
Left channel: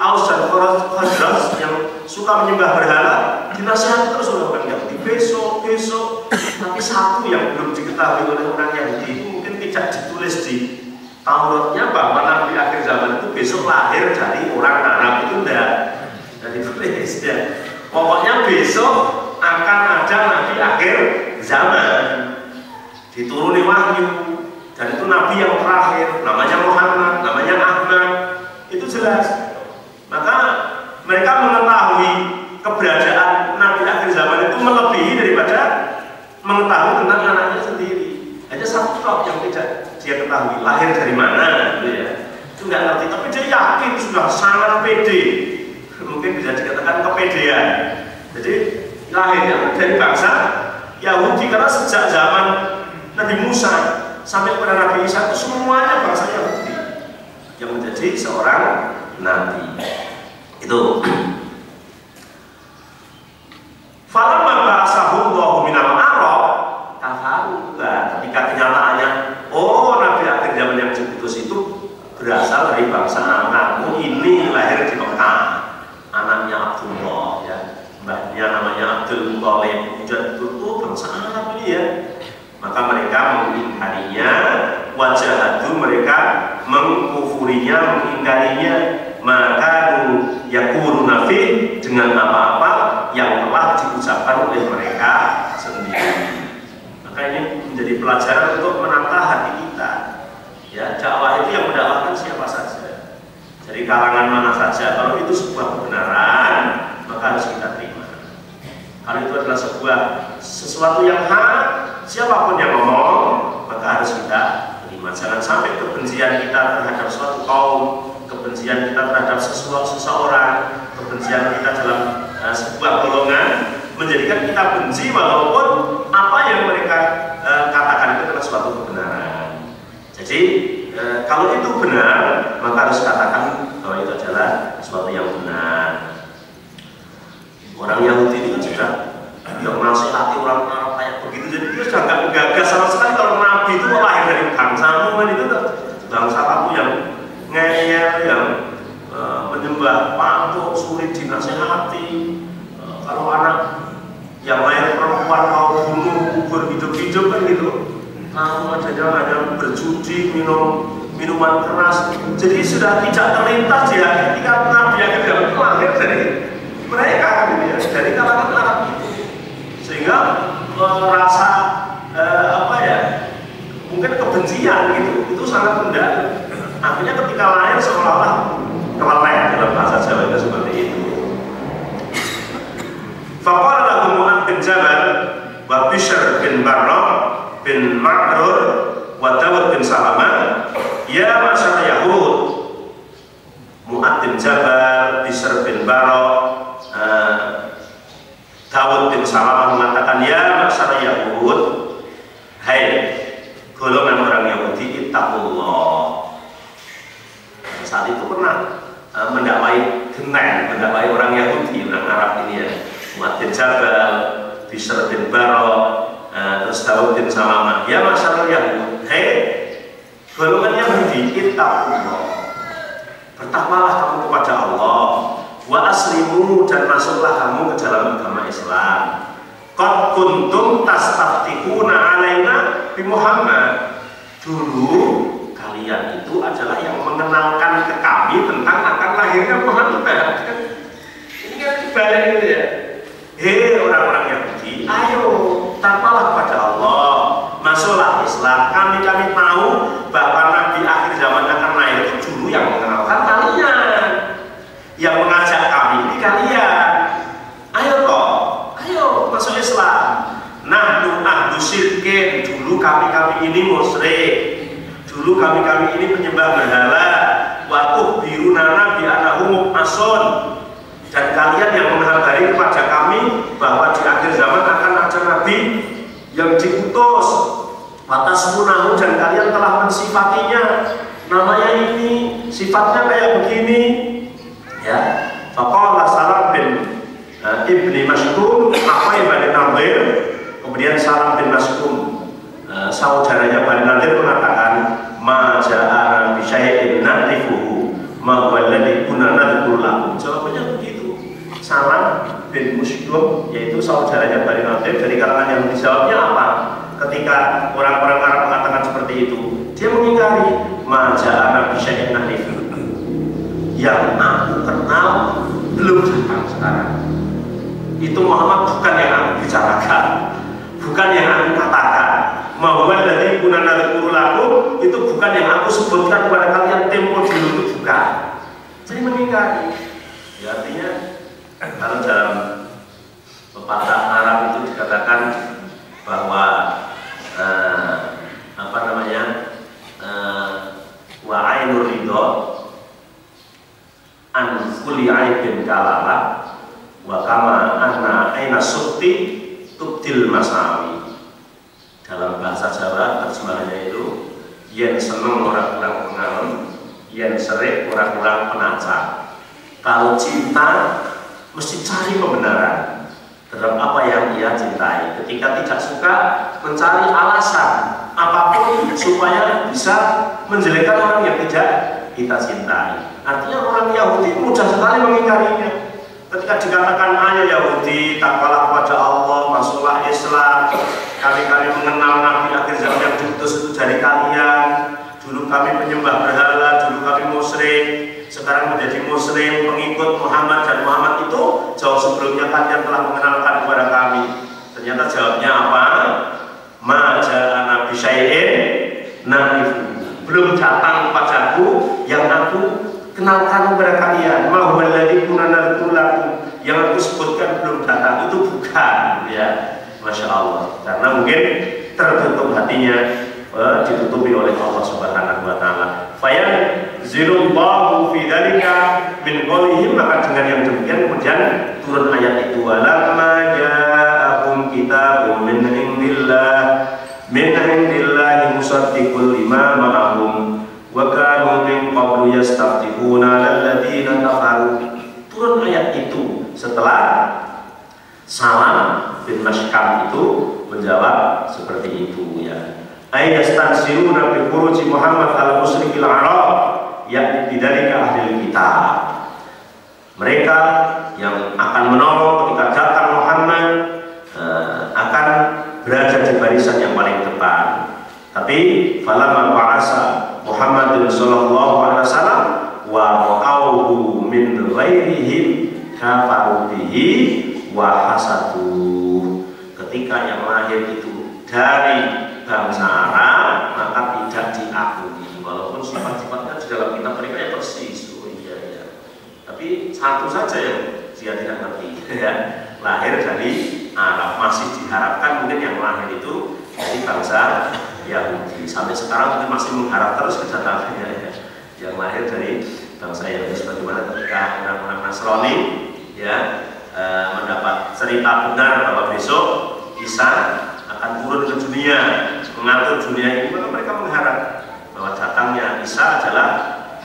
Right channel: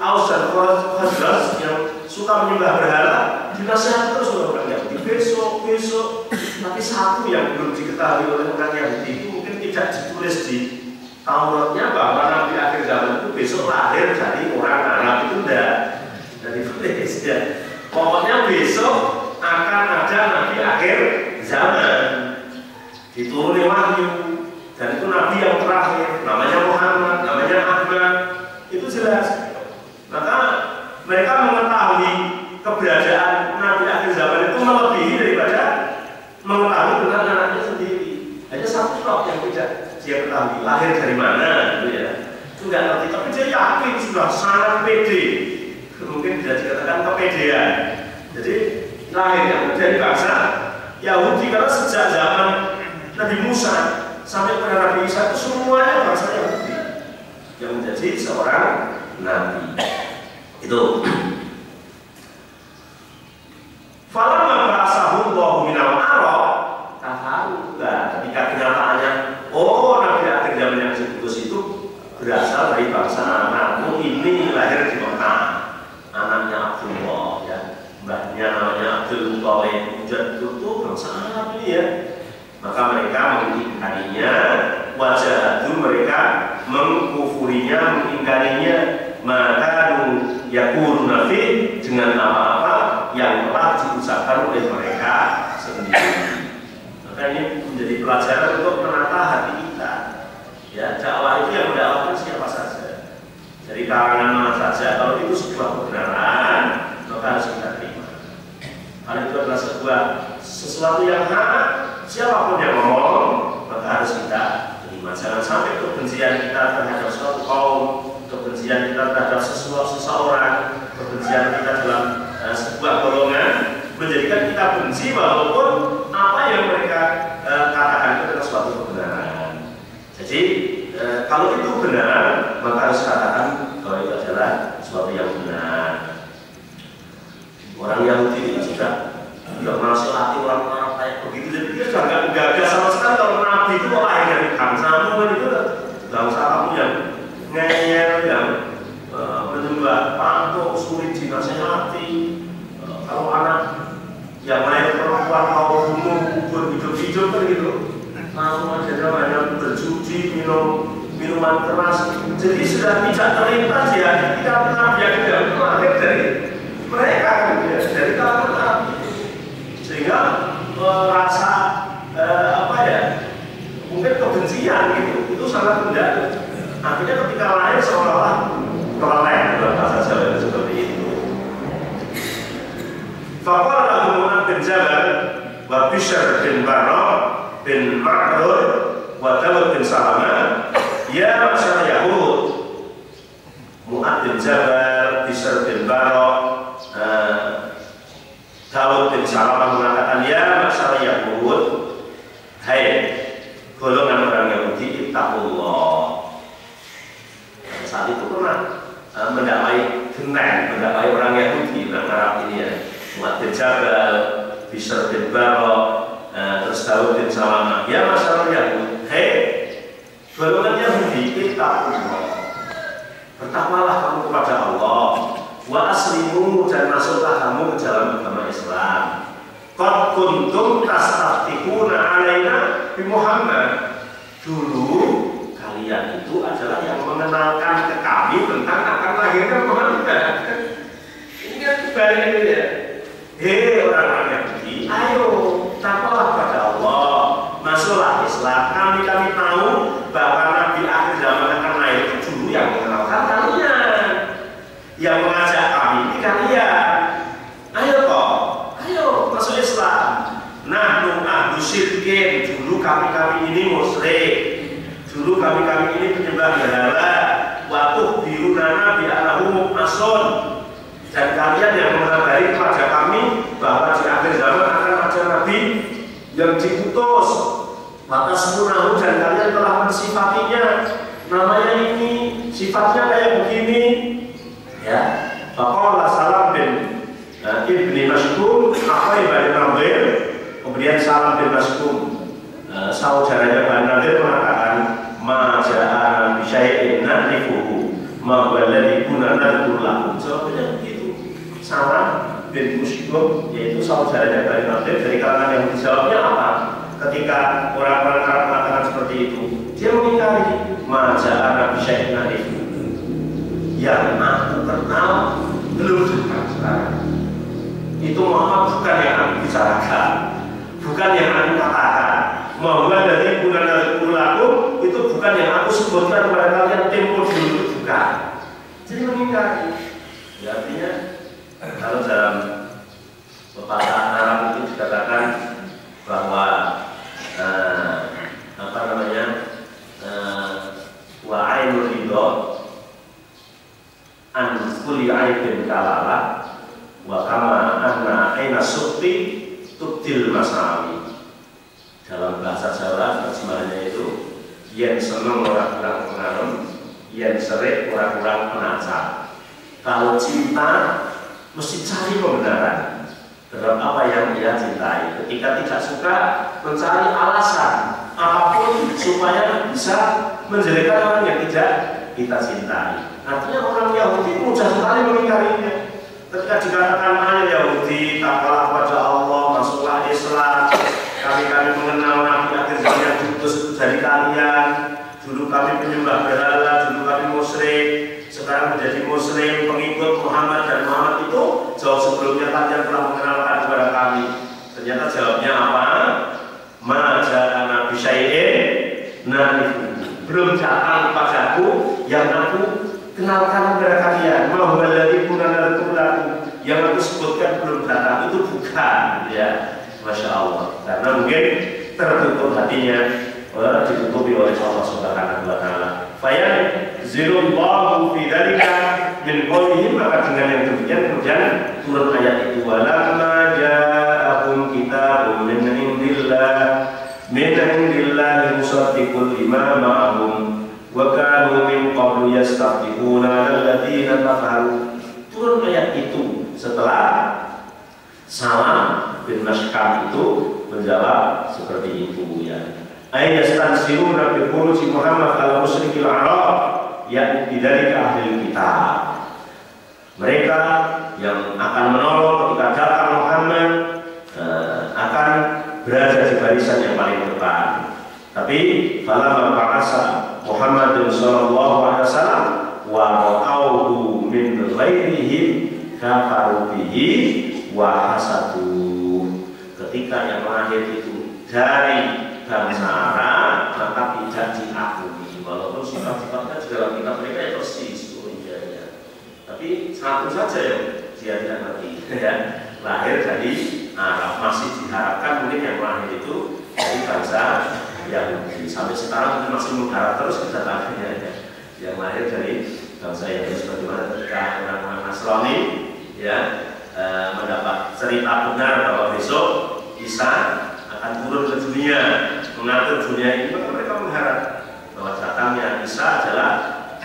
Aus dan Khazraj yang suka menyembah berhala dinasihati terus oleh orang Yahudi. Besok, tapi satu yang belum diketahui oleh orang Yahudi itu mungkin tidak ditulis di Tauratnya bahwa Nabi akhir zaman itu besok lahir dari orang Arab itu enggak ditulis ya. Pokoknya besok akan ada Nabi akhir zaman, dituruni wahyu, dan itu Nabi yang terakhir, namanya Muhammad, namanya Ahmad. Itu jelas. Maka mereka mengetahui keberadaan Nabi akhir zaman itu melebihi daripada mengetahui tentang anaknya sendiri. Hanya satu tok yang tidak dia ketahui, lahir dari mana gitu ya. Itu nggak ngerti, tapi dia yakin sudah sangat pede. Mungkin bisa dikatakan kepedean. Jadi lahirnya dari bangsa Yahudi, karena sejak zaman Nabi Musa sampai pada Nabi Isa itu semuanya bangsa Yahudi yang menjadi seorang nabi. Itu falamma ba'asahullahu minal Arab kafaru. Ketika kenyataannya nabi akhir zaman yang diutus itu berasal dari bangsa Arab. Ini lahir di Mekah, anaknya Abdullah ya, mbahnya namanya Abdul Muthalib, itu bangsa Arab ini ya. Maka mereka mengingkarinya, wajahadu mereka mengkufurinya, mengingkarinya, maka yakunu nafi dengan apa-apa yang telah diucapkan oleh mereka sendiri. Maka ini menjadi pelajaran untuk menata hati kita. Ya, dakwah itu yang mendakwahkan siapa saja, dari kalangan mana saja. Kalau itu sebuah kebenaran, maka harus kita terima. Kalau itu adalah sesuatu yang hak, siapapun yang ngomong, maka harus kita terima. Jangan sampai kebencian kita terhadap suatu kaum, kebencian kita terhadap seseorang, kebencian kita dalam sebuah golongan menjadikan kita benci walaupun apa yang mereka katakan itu adalah suatu kebenaran. Jadi kalau itu benar, maka harus katakan bahwa itu adalah suatu yang benar. Orang Yahudi itu juga yang menasihati orang Arab kayak begitu, jadi dia sudah nggak gagas sama sekali kalau Nabi itu lahir dari bangsamu, kan itu bangsa kamu yang ngeyel, yang menyembah patung, sulit dinasihati. Kalau anak yang lahir perempuan mau bunuh, kubur hidup-hidup kan gitu. Kamu ada berjudi, minuman keras. Jadi sudah tidak terlintas ya ketika Nabi yang itu lahir dari mereka, dari kalangan Arab. Sehingga merasa mungkin kebencian gitu, itu sangat mendalam. Akhirnya ketika lahir seolah-olah keleleh, dalam bahasa Jawa itu seperti itu. Faqala lahu Mu'adz bin Jabal wa Bishr bin Barra bin Ma'rur wa Dawud bin Salamah, ya masyarakat Yahud. Mu'adz bin Jabal, Bishr bin Barra, Dawud bin Salamah mengatakan, ya masyarakat Yahud, hai golongan orang Yahudi, ittaqullah. Saat itu pernah mendakwai mendakwai orang Yahudi, orang Arab ini ya. Mu'adz bin Jabal, Bishr bin Barra, terus Dawud bin Salamah, ya masyarakat Yahud, hai golongan Yahudi, ittaqullah. Bertakwalah kamu kepada Allah, wa aslimu, dan masuklah kamu ke dalam agama Islam. Qad kuntum tastaftihuna alaina bi Muhammad. Dulu kalian itu adalah yang mengenalkan ke kami tentang akan lahirnya Muhammad. Ini kan balik itu ya. hei orang-orang Yahudi, ayo takwalah pada Allah, masuklah Islam. Kami tahu bahwa Nabi akhir zaman akan lahir itu dulu yang mengenalkan kalian, yang mengajak kami ini kalian. Ayo toh, ayo masuk Islam. Nahnu ahlu syirkin, dulu kami ini musyrik, dulu kami ini penyembah berhala. Wa tuhbiruna bi annahum ason, dan kalian yang mengabari kepada kami bahwa di akhir zaman akan ada nabi yang diutus. Watasmunahu, dan kalian telah mensifatinya, namanya ini, sifatnya kayak begini. Ya, faqala Salam bin Ibni Mas'ud, apa yang Bani Nadir? Kemudian Salam bin Mas'ud, saudaranya Bani Nadir, mengatakan, ma ja'ana bi syai'in na'rifuhu ma walladhi kunna nadhkuru. Jawabannya begitu. Salam bin Mas'ud, yaitu saudaranya Bani Nadir dari kalangan yang dijawabnya apa? Ketika orang-orang Arab mengatakan seperti itu, dia mengingkari ma ja'ana bi syai'in na'rifuhu, yang aku kenal belum datang sekarang. Itu Muhammad bukan yang aku bicarakan, bukan yang aku katakan. Bahwa dari kunana kurulaku itu bukan yang aku sebutkan kepada kalian tempo dulu, itu bukan. Jadi mengingkari. Ya, artinya kalau dalam pepatah Arab itu dikatakan bahwa apa namanya, wa ainur ridho an kulli aibin kalala wa kama anna aina sukti tubdil masawi. Dalam bahasa Jawa terjemahannya itu, yang senang orang-orang pengalem, yang serik orang-orang penacap. Kalau cinta mesti cari pembenaran terhadap apa yang ia cintai. Ketika tidak suka, mencari alasan apapun supaya bisa menjelekkan orang yang tidak kita cintai. Artinya orang Yahudi mudah sekali mengingkarinya. Ketika dikatakan ayo Yahudi, takwalah pada Allah, masuklah Islam, kami mengenal Nabi akhir zaman yang diutus itu dari kalian. Dulu kami penyembah berhala, dulu kami musyrik, sekarang menjadi muslim, pengikut Muhammad, dan Muhammad itu jauh sebelumnya kalian telah mengenalkan kepada kami. Ternyata jawabnya apa? Ma ja'ana bi syai'in na'rifuhu, belum datang padaku yang aku kenalkan kepada kalian. Ma huwa alladzi kunna nadhkuru lakum, yang aku sebutkan belum datang, itu bukan, ya. Masya Allah, karena mungkin tertutup hatinya, ditutupi oleh Allah Subhanahu wa Ta'ala. Fayan zirullahu fi dzalika min qawlihi, maka dengan yang demikian kemudian turun ayat itu, walamma ja'akum kitabun min indillahi musaddiqul lima ma'ahum wa kanu min qablu yastaftiquna alladziina kafaru. Turun ayat itu setelah Salam bin Mas'ud itu menjawab seperti itu, ya. Ayastansiruna bi khuruji Muhammad al-musyrikil Arab, yakni bidzalika ahli kitab. Mereka yang akan menolong ketika datang Muhammad akan berada di barisan yang paling depan. Tapi falamma ba'asa Muhammad sallallahu alaihi wasallam wa ra'awhu min ghairihim kafaru bihi wa hasadu. Ketika yang lahir itu dari bangsa Arab, maka tidak diakui, walaupun sifat-sifatnya di dalam kitab mereka ya persis. Oh iya, ya. Tapi satu saja yang dia tidak ngerti, ya. Lahir dari Arab, masih diharapkan mungkin yang lahir itu dari bangsa Yahudi. Sampai sekarang masih mengharap terus kedatangannya, ya. Yang lahir dari bangsa Yahudi, sebagaimana ketika orang-orang Nasrani, ya, mendapat cerita benar bahwa besok Isa akan turun ke dunia, mengatur dunia ini, maka mereka mengharap bahwa datangnya Isa adalah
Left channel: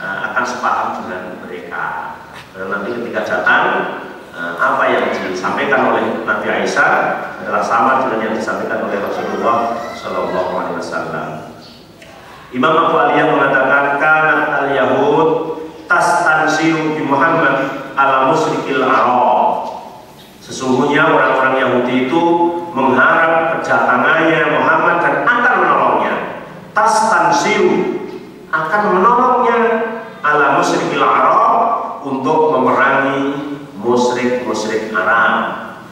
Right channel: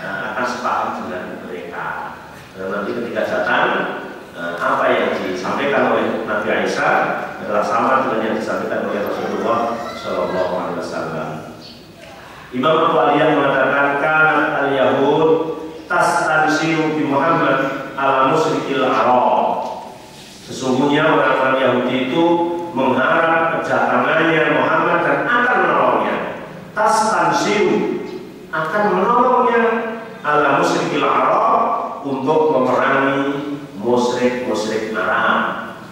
akan sepaham dengan mereka. Dan nanti ketika datang, apa yang disampaikan oleh Nabi Isa adalah sama dengan yang disampaikan oleh Rasulullah Shallallahu Alaihi Wasallam. Imam Abu Aliyah mengatakan, kanat al-Yahud tastansiru bi Muhammad ala musyrikil Arab. Sesungguhnya orang-orang Yahudi itu mengharap kedatangannya Muhammad dan akan menolongnya. Tastansiru, akan menolongnya ala musyrikil Arab, untuk memerangi musyrik-musyrik Arab.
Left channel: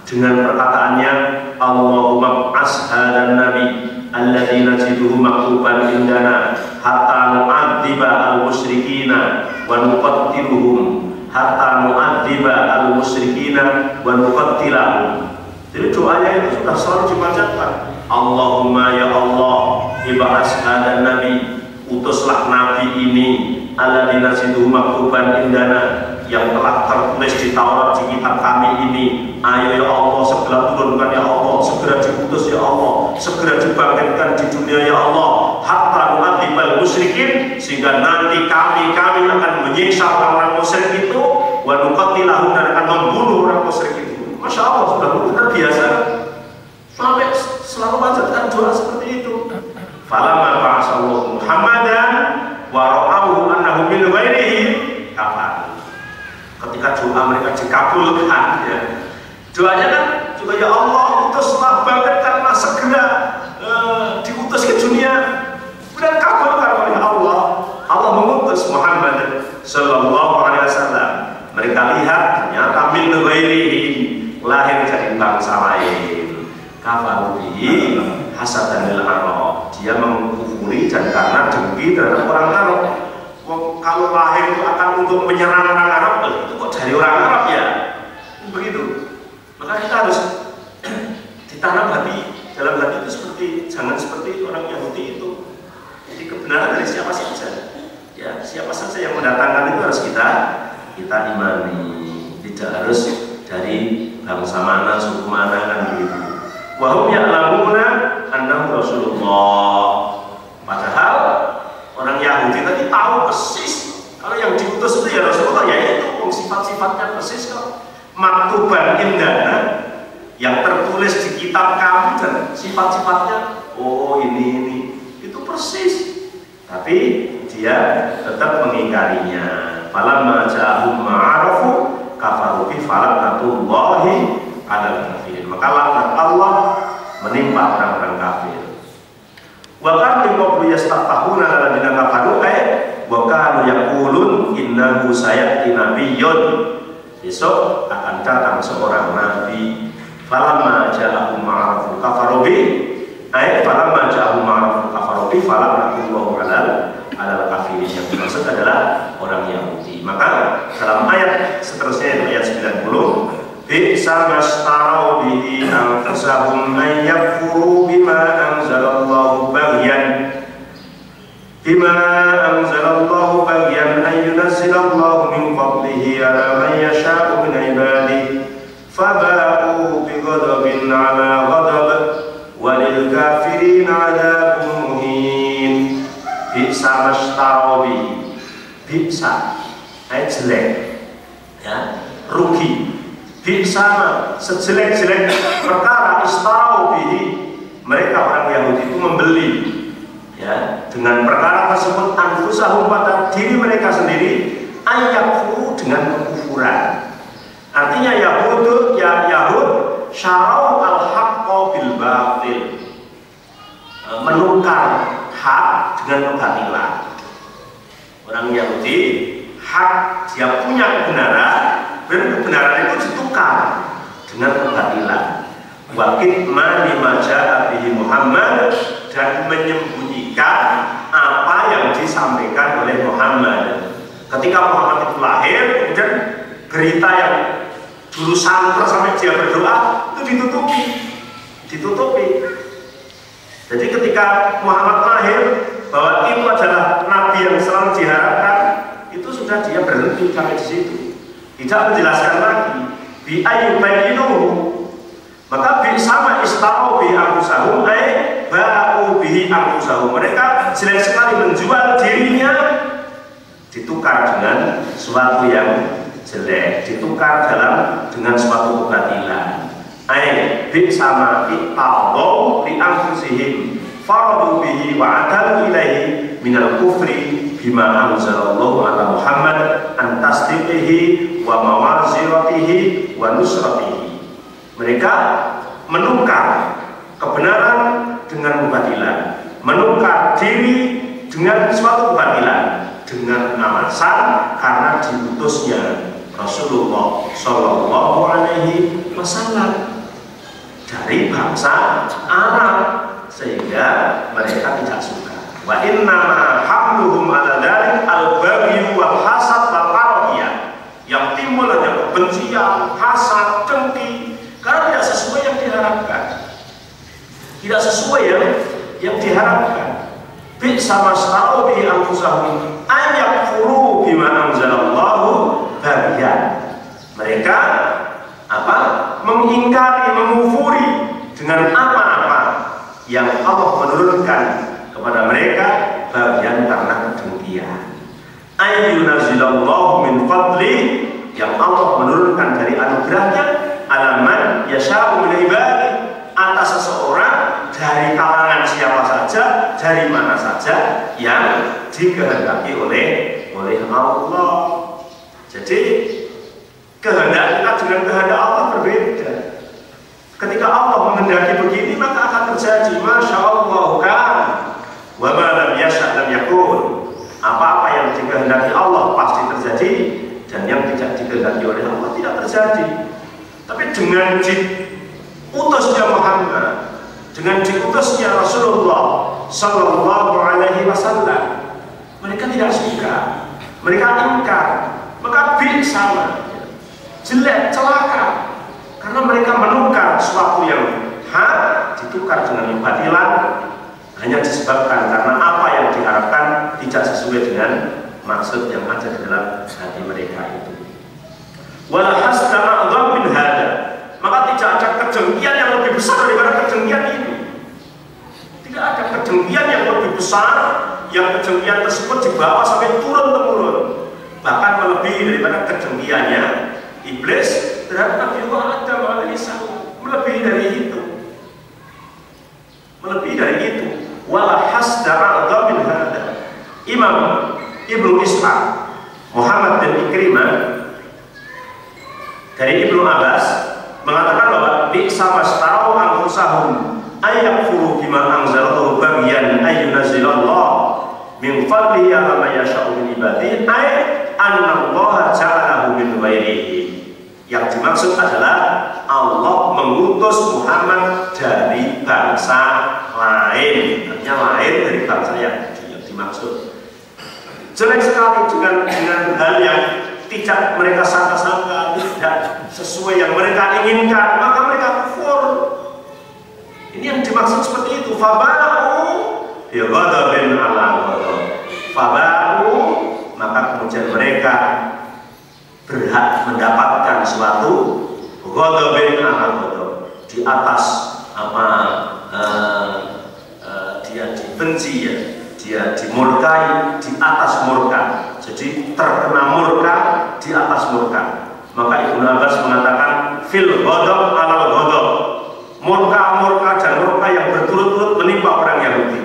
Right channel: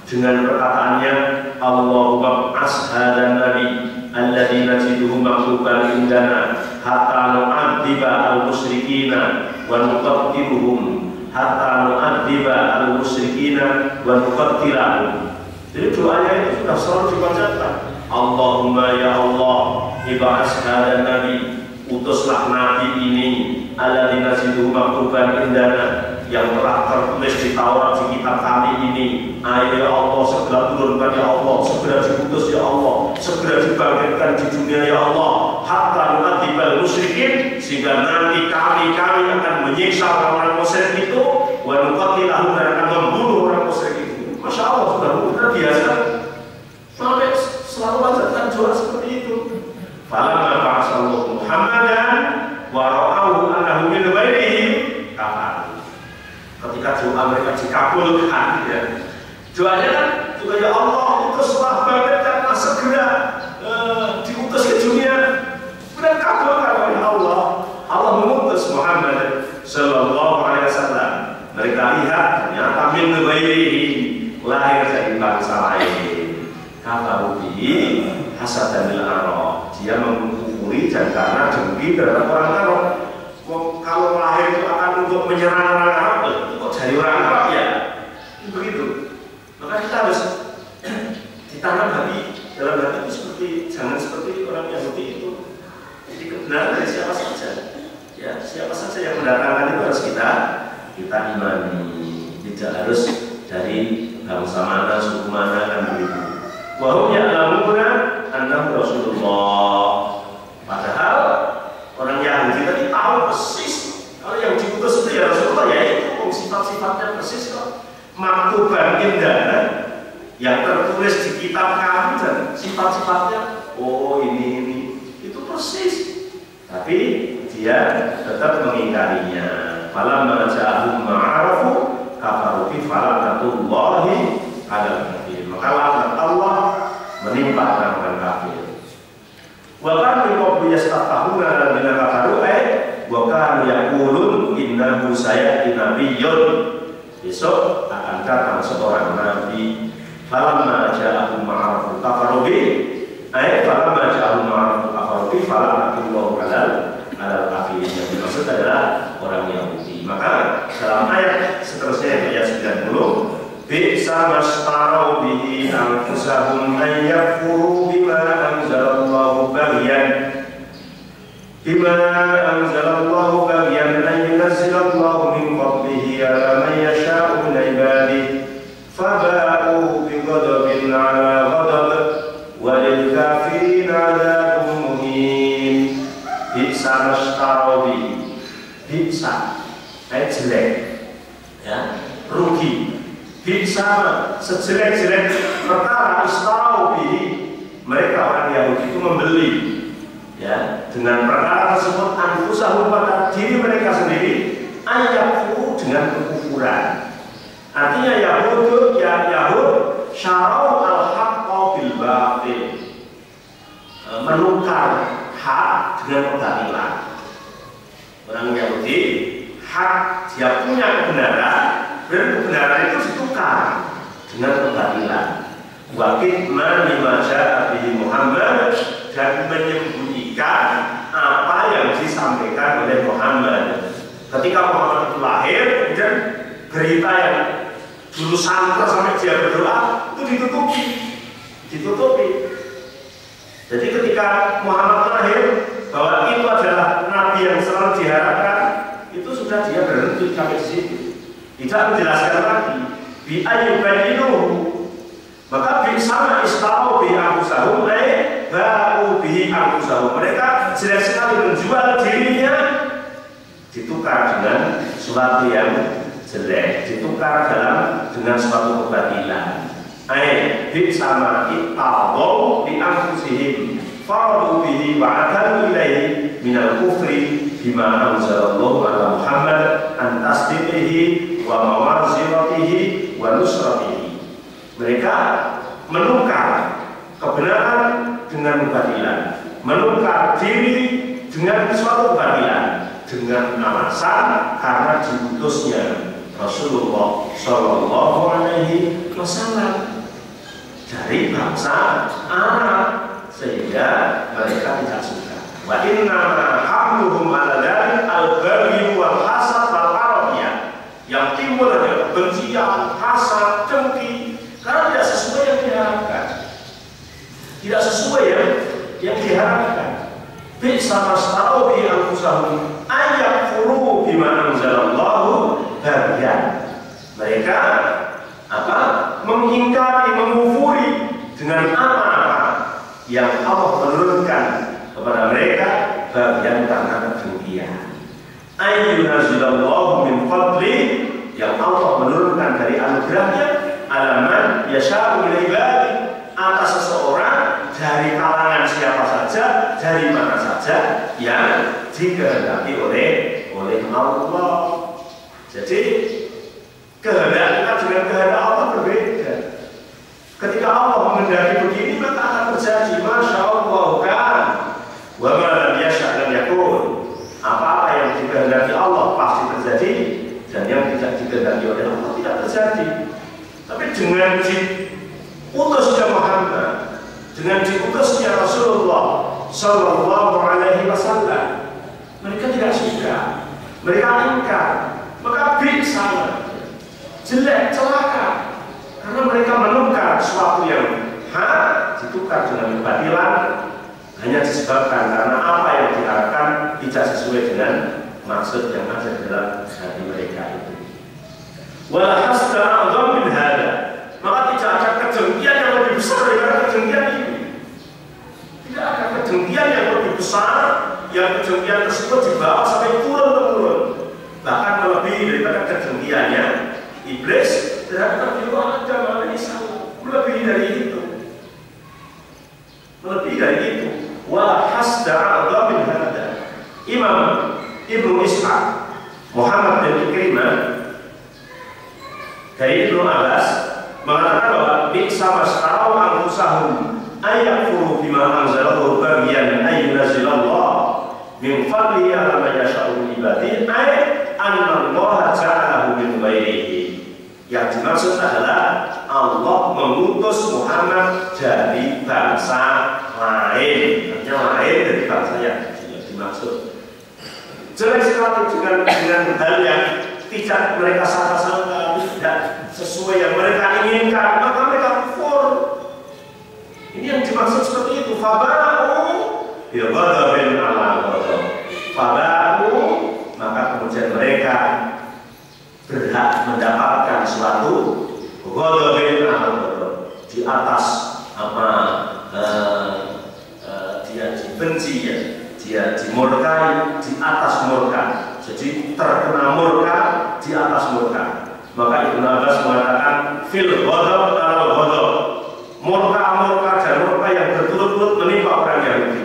dengan perkataannya Allahumma ashadan nabi alladzina najiduhu maktuban indana hatta nu'adziba al-musyrikina wa nuqattiluhum hatta nu'adziba al-musyrikina wa nuqattilahum. Jadi doanya itu sudah selalu dibacakan. Allahumma ya Allah ibas hadan nabi, utuslah nabi ini alladzina najiduhu maktuban indana, yang telah tertulis di Taurat di kitab kami ini. Ayo ya Allah, segera turunkan ya Allah, segera diputus ya Allah, segera dibangkitkan di dunia ya Allah, hatta nu'adzibal musyrikin, sehingga nanti kami akan menyiksa orang-orang musyrik itu, wa nuqattilahum, dan akan membunuh orang musyrik itu. Masya Allah, sudah benar biasa sampai selalu bacakan doa seperti itu. Falamma ba'asallahu Muhammadan wa ra'ahu annahu min ghairihi kafar. Ketika doa mereka dikabulkan, ya, doanya kan juga ya Allah utuslah, bangkitkanlah segera, diutus ke dunia, dan kabulkan oleh Allah. Allah mengutus Muhammad Sallallahu Alaihi Wasallam. Mereka lihat ternyata min ghairihi, lahir dari bangsa lain. Kafaru bihi hasadanil Arab, dia mengkufuri dan karena dengki terhadap orang Arab. Kalau lahir itu akan untuk menyerang orang Arab, itu kok dari orang Arab ya? Begitu. Maka kita harus ditanam dalam hati itu jangan seperti orang Yahudi itu. Jadi kebenaran dari siapa saja, ya, siapa saja yang mendatangkan itu harus kita imani. Tidak harus dari bangsa mana, suku mana, kan begitu. Wa hum ya'lamuna annahu Rasulullah. Padahal orang Yahudi tadi tahu persis kalau yang diutus itu ya Rasulullah, ya itu sifat-sifatnya persis kok. Maktuban indana, yang tertulis di kitab kami, dan sifat-sifatnya oh ini itu persis. Tapi dia tetap mengingkarinya. Falamma ja'ahum ma'arafu kafaru bi falaknatullahi 'alal kafirin. Maka laknat Allah menimpa orang-orang kafir. Wa kanu qablu yastaftahuna alladziina kafaru wa kanu yaqulun innahu sayati nabiyyun. Besok akan datang seorang nabi. Falamma ja'ahum ma'arafu kafaru bi falamma ja'ahum ma'arafu kafaru bi falaknatullahi 'alal kafirin. Yang dimaksud adalah orang Yahudi. Maka dalam ayat seterusnya, ayat 90, bi'sa mastarau bihi anfusahum an yakfuru bima anzalallahu baghyan an yunazzilallahu min fadlihi ala man yasha'u min ibadihi faba'u bighadabin ala ghadab walil kafirin 'adzabun muhin. Bi'sa mastarau bihi, bi'sa ayat jelek, ya, rugi. Bisa sejelek-jelek perkara istarau bihi, mereka orang Yahudi itu membeli, ya, dengan perkara tersebut anfusahum, pada diri mereka sendiri, ayyaku, dengan kekufuran. Artinya Yahud syarau al-haqqa bil batil, menukar hak dengan kebatilan. Orang Yahudi hak, dia punya kebenaran, dan kebenaran itu ditukar dengan kebatilan. Wa kitman lima ja'a bihi Muhammad, dan menyembunyikan apa yang disampaikan oleh Muhammad. Ketika Muhammad itu lahir, kemudian berita yang dulu santer sampai dia berdoa itu ditutupi. Jadi ketika Muhammad lahir, bahwa itu adalah nabi yang selalu diharapkan, itu sudah dia berhenti sampai di situ. Tidak menjelaskan lagi bi ayyubayyinuhu. Maka bi sama istarau bi anfusahum ba'u bihi anfusahum. Mereka jelas sekali menjual dirinya, ditukar dengan sesuatu yang jelek, ditukar dengan suatu kebatilan. Bi sama iqtadau li anfusihim faradu bihi wa adalu ilaihi minal kufri bima anzalallahu ala Muhammad an tasdiqihi wa mawaziratihi wa nusratihi. Mereka menukar kebenaran dengan kebatilan, menukar diri dengan suatu kebatilan, dengan alasan karena diutusnya Rasulullah Shallallahu Alaihi Wasallam. dari bangsa Arab, sehingga mereka tidak suka. Wa inna hamluhum ala dzalik al-baghi wal hasad wal arabiyah, yang timbul adalah kebencian, hasad, dengki, karena tidak sesuai yang diharapkan, tidak sesuai yang diharapkan. Bi'sa mastarau bi anfusahum ayakfuru bima anzalallahu bagian. Mereka mengingkari, mengufuri dengan apa-apa yang Allah menurunkan kepada mereka bagian karena kedengkian. Ayyunazilallahu min fadli, yang Allah menurunkan dari anugerahnya, alaman yasha'u min ibadi, atas seseorang dari kalangan siapa saja, dari mana saja yang dikehendaki oleh Allah. Jadi kehendak kita dengan kehendak Allah berbeda. Ketika Allah menghendaki begini, maka akan terjadi. Masya Allah kan, wa ma lam yasha' lam yakun. Apa-apa yang dikehendaki Allah pasti terjadi, dan yang tidak dikehendaki oleh Allah tidak terjadi. Tapi dengan diutusnya Muhammad, dengan diutusnya Rasulullah Sallallahu Alaihi Wasallam, mereka tidak suka, mereka ingkar, maka sama, jelek, celaka, karena mereka menukar sesuatu yang hak ditukar dengan kebatilan, hanya disebabkan karena apa yang diharapkan tidak sesuai dengan maksud yang ada di dalam hati mereka itu. Walhasdama adzam min hada, maka tidak ada kedengkian yang lebih besar daripada kedengkian ini. Tidak ada kedengkian yang lebih besar, yang kedengkian tersebut dibawa sampai turun-temurun, bahkan melebihi daripada kedengkiannya iblis terhadap Nabi Adam alaihissalam, melebihi dari itu, melebihi dari itu. Walhasdama adzam min hada. Imam Ibnu Ishaq Muhammad bin Ikrimah dari Ibnu Abbas mengatakan bahwa bi'sa mastarau anfusahum ayakfuru bima anzalallahu bagian ayyunazilallah min fadlihi ala ma yasha'u min ibadihi ay anna Allah ja'alahu min ghairihi. Yang dimaksud adalah Allah mengutus Muhammad dari bangsa lain, artinya lain dari bangsa yang dimaksud. Jelek sekali dengan hal yang tidak mereka sangka-sangka, tidak sesuai yang mereka inginkan, maka mereka kufur. Ini yang dimaksud seperti itu. Faba'u bi ghadabin ala ghadab. Faba'u, maka kemudian mereka berhak mendapatkan suatu ghadabin ala ghadab, di atas dia dibenci, ya, dia dimurkai di atas murka. Jadi terkena murka di atas murka. Maka Ibnu Abbas mengatakan fil ghadab ala ghadab, murka dan murka yang berturut-turut menimpa orang Yahudi.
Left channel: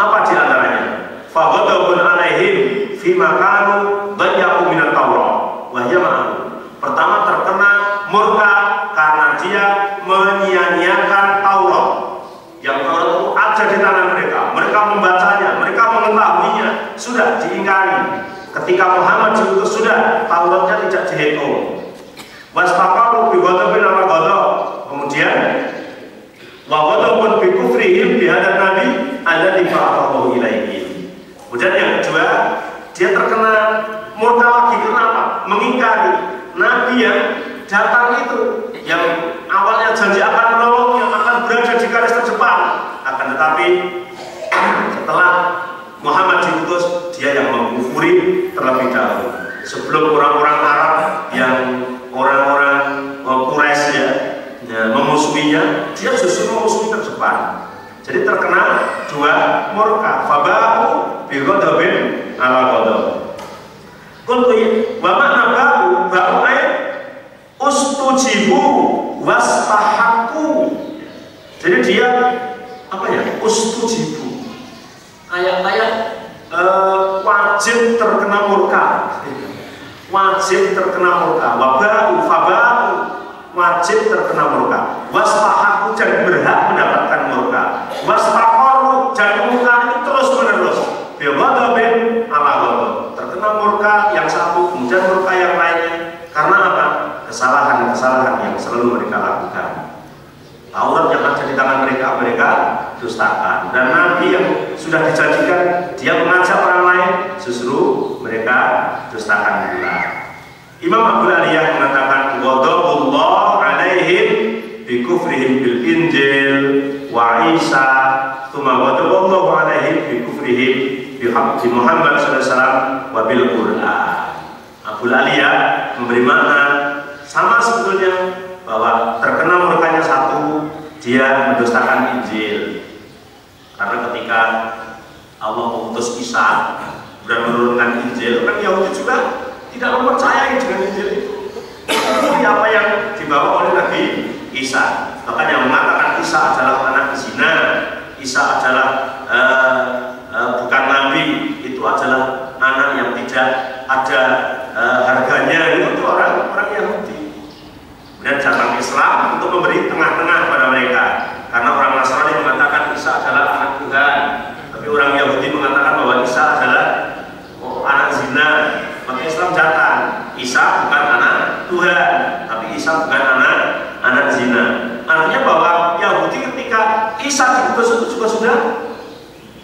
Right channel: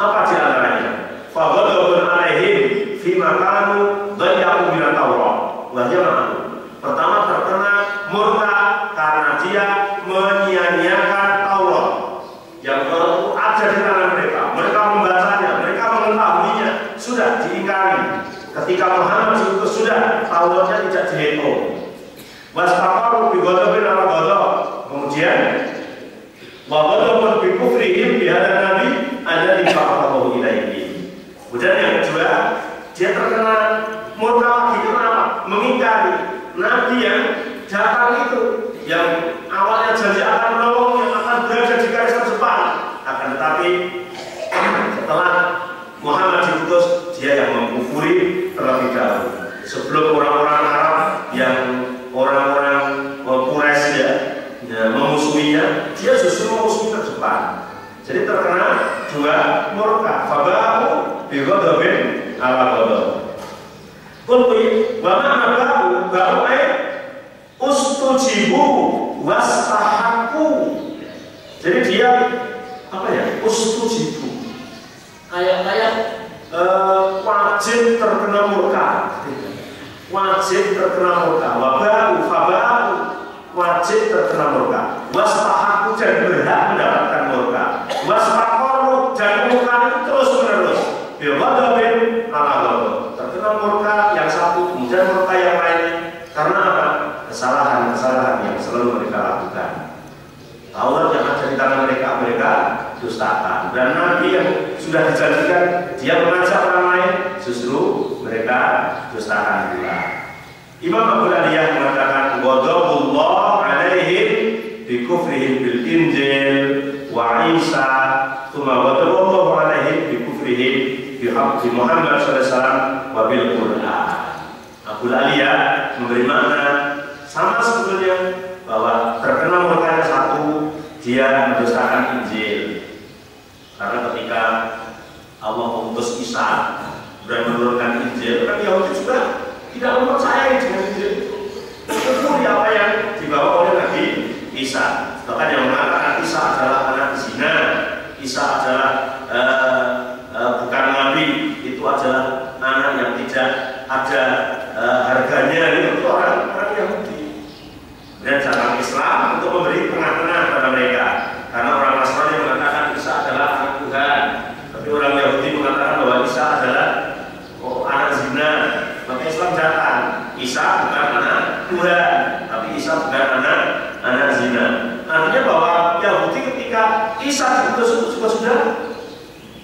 Apa di antaranya? Fa ghadabun alaihim fi makanu dhayya'u min at-Taurat wa hiya ma'ahu. Pertama, terkena murka karena dia menyia-nyiakan Taurat yang ada di tangan mereka. Mereka membacanya, mereka mengetahuinya, sudah diingkari. Ketika Muhammad diutus sudah, Tauratnya tidak dihitung. Wastaqamu bi ghadabin ala ghadab. Kemudian wa ghadabun bi kufrihim bi hadzal nabi alladzi ba'athahu ilaihi. Kemudian yang kedua, dia terkena murka lagi. Kenapa? Mengingkari nabi yang datang itu, yang awalnya janji akan menolong, yang akan berada di garis terdepan. Akan tetapi setelah Muhammad diutus, dia yang mengkufuri terlebih dahulu. Sebelum orang-orang Arab yang orang-orang Quraisy memusuhinya, dia justru memusuhi terdepan. Jadi terkena dua murka. Faba'u bi ghadabin ala ghadab. Qultu wa ma'na ba'u ay ustujibu wastahaqqu. Jadi dia ustujibu, ayat-ayat wajib terkena murka, wajib terkena murka. Waba'u faba'u, wajib terkena murka. Wastahaqqu, dan berhak mendapatkan murka. Wastaqaru, dan murka itu terus menerus. Bighadabin ala ghadab, terkena murka yang satu, kemudian murka yang lainnya. Karena apa? Kesalahan-kesalahan yang selalu mereka lakukan. Tahu Dan Nabi yang sudah dijanjikan dia mengajak orang lain, justru mereka dustakan pula. Imam Abu Aliyah mengatakan ghadabullah alaihim bi kufrihim bil Injil wa Isa, tsumma ghadaballahu alaihim bi kufrihim bi Muhammad sallallahu alaihi wasallam wa bil Quran. Abu Aliyah memberi makna sama sebetulnya, bahwa terkena murkanya satu, dia mendustakan Injil. Karena ketika Allah mengutus Isa dan menurunkan Injil, orang Yahudi juga tidak mempercayai dengan Injil itu. Itu apa yang dibawa oleh Nabi Isa. Bahkan yang mengatakan Isa adalah anak zina, Isa adalah bukan Nabi, itu adalah anak yang tidak ada harganya, itu orang Yahudi. Dan cara Islam untuk memberi tengah-tengah pada mereka, karena orang Nasrani mengatakan Isa adalah anak Tuhan, tapi orang Yahudi mengatakan bahwa Isa adalah anak zina. Maka Islam datang, Isa bukan anak Tuhan, tapi Isa bukan anak zina. Artinya bahwa Yahudi ketika Isa diutus itu juga sudah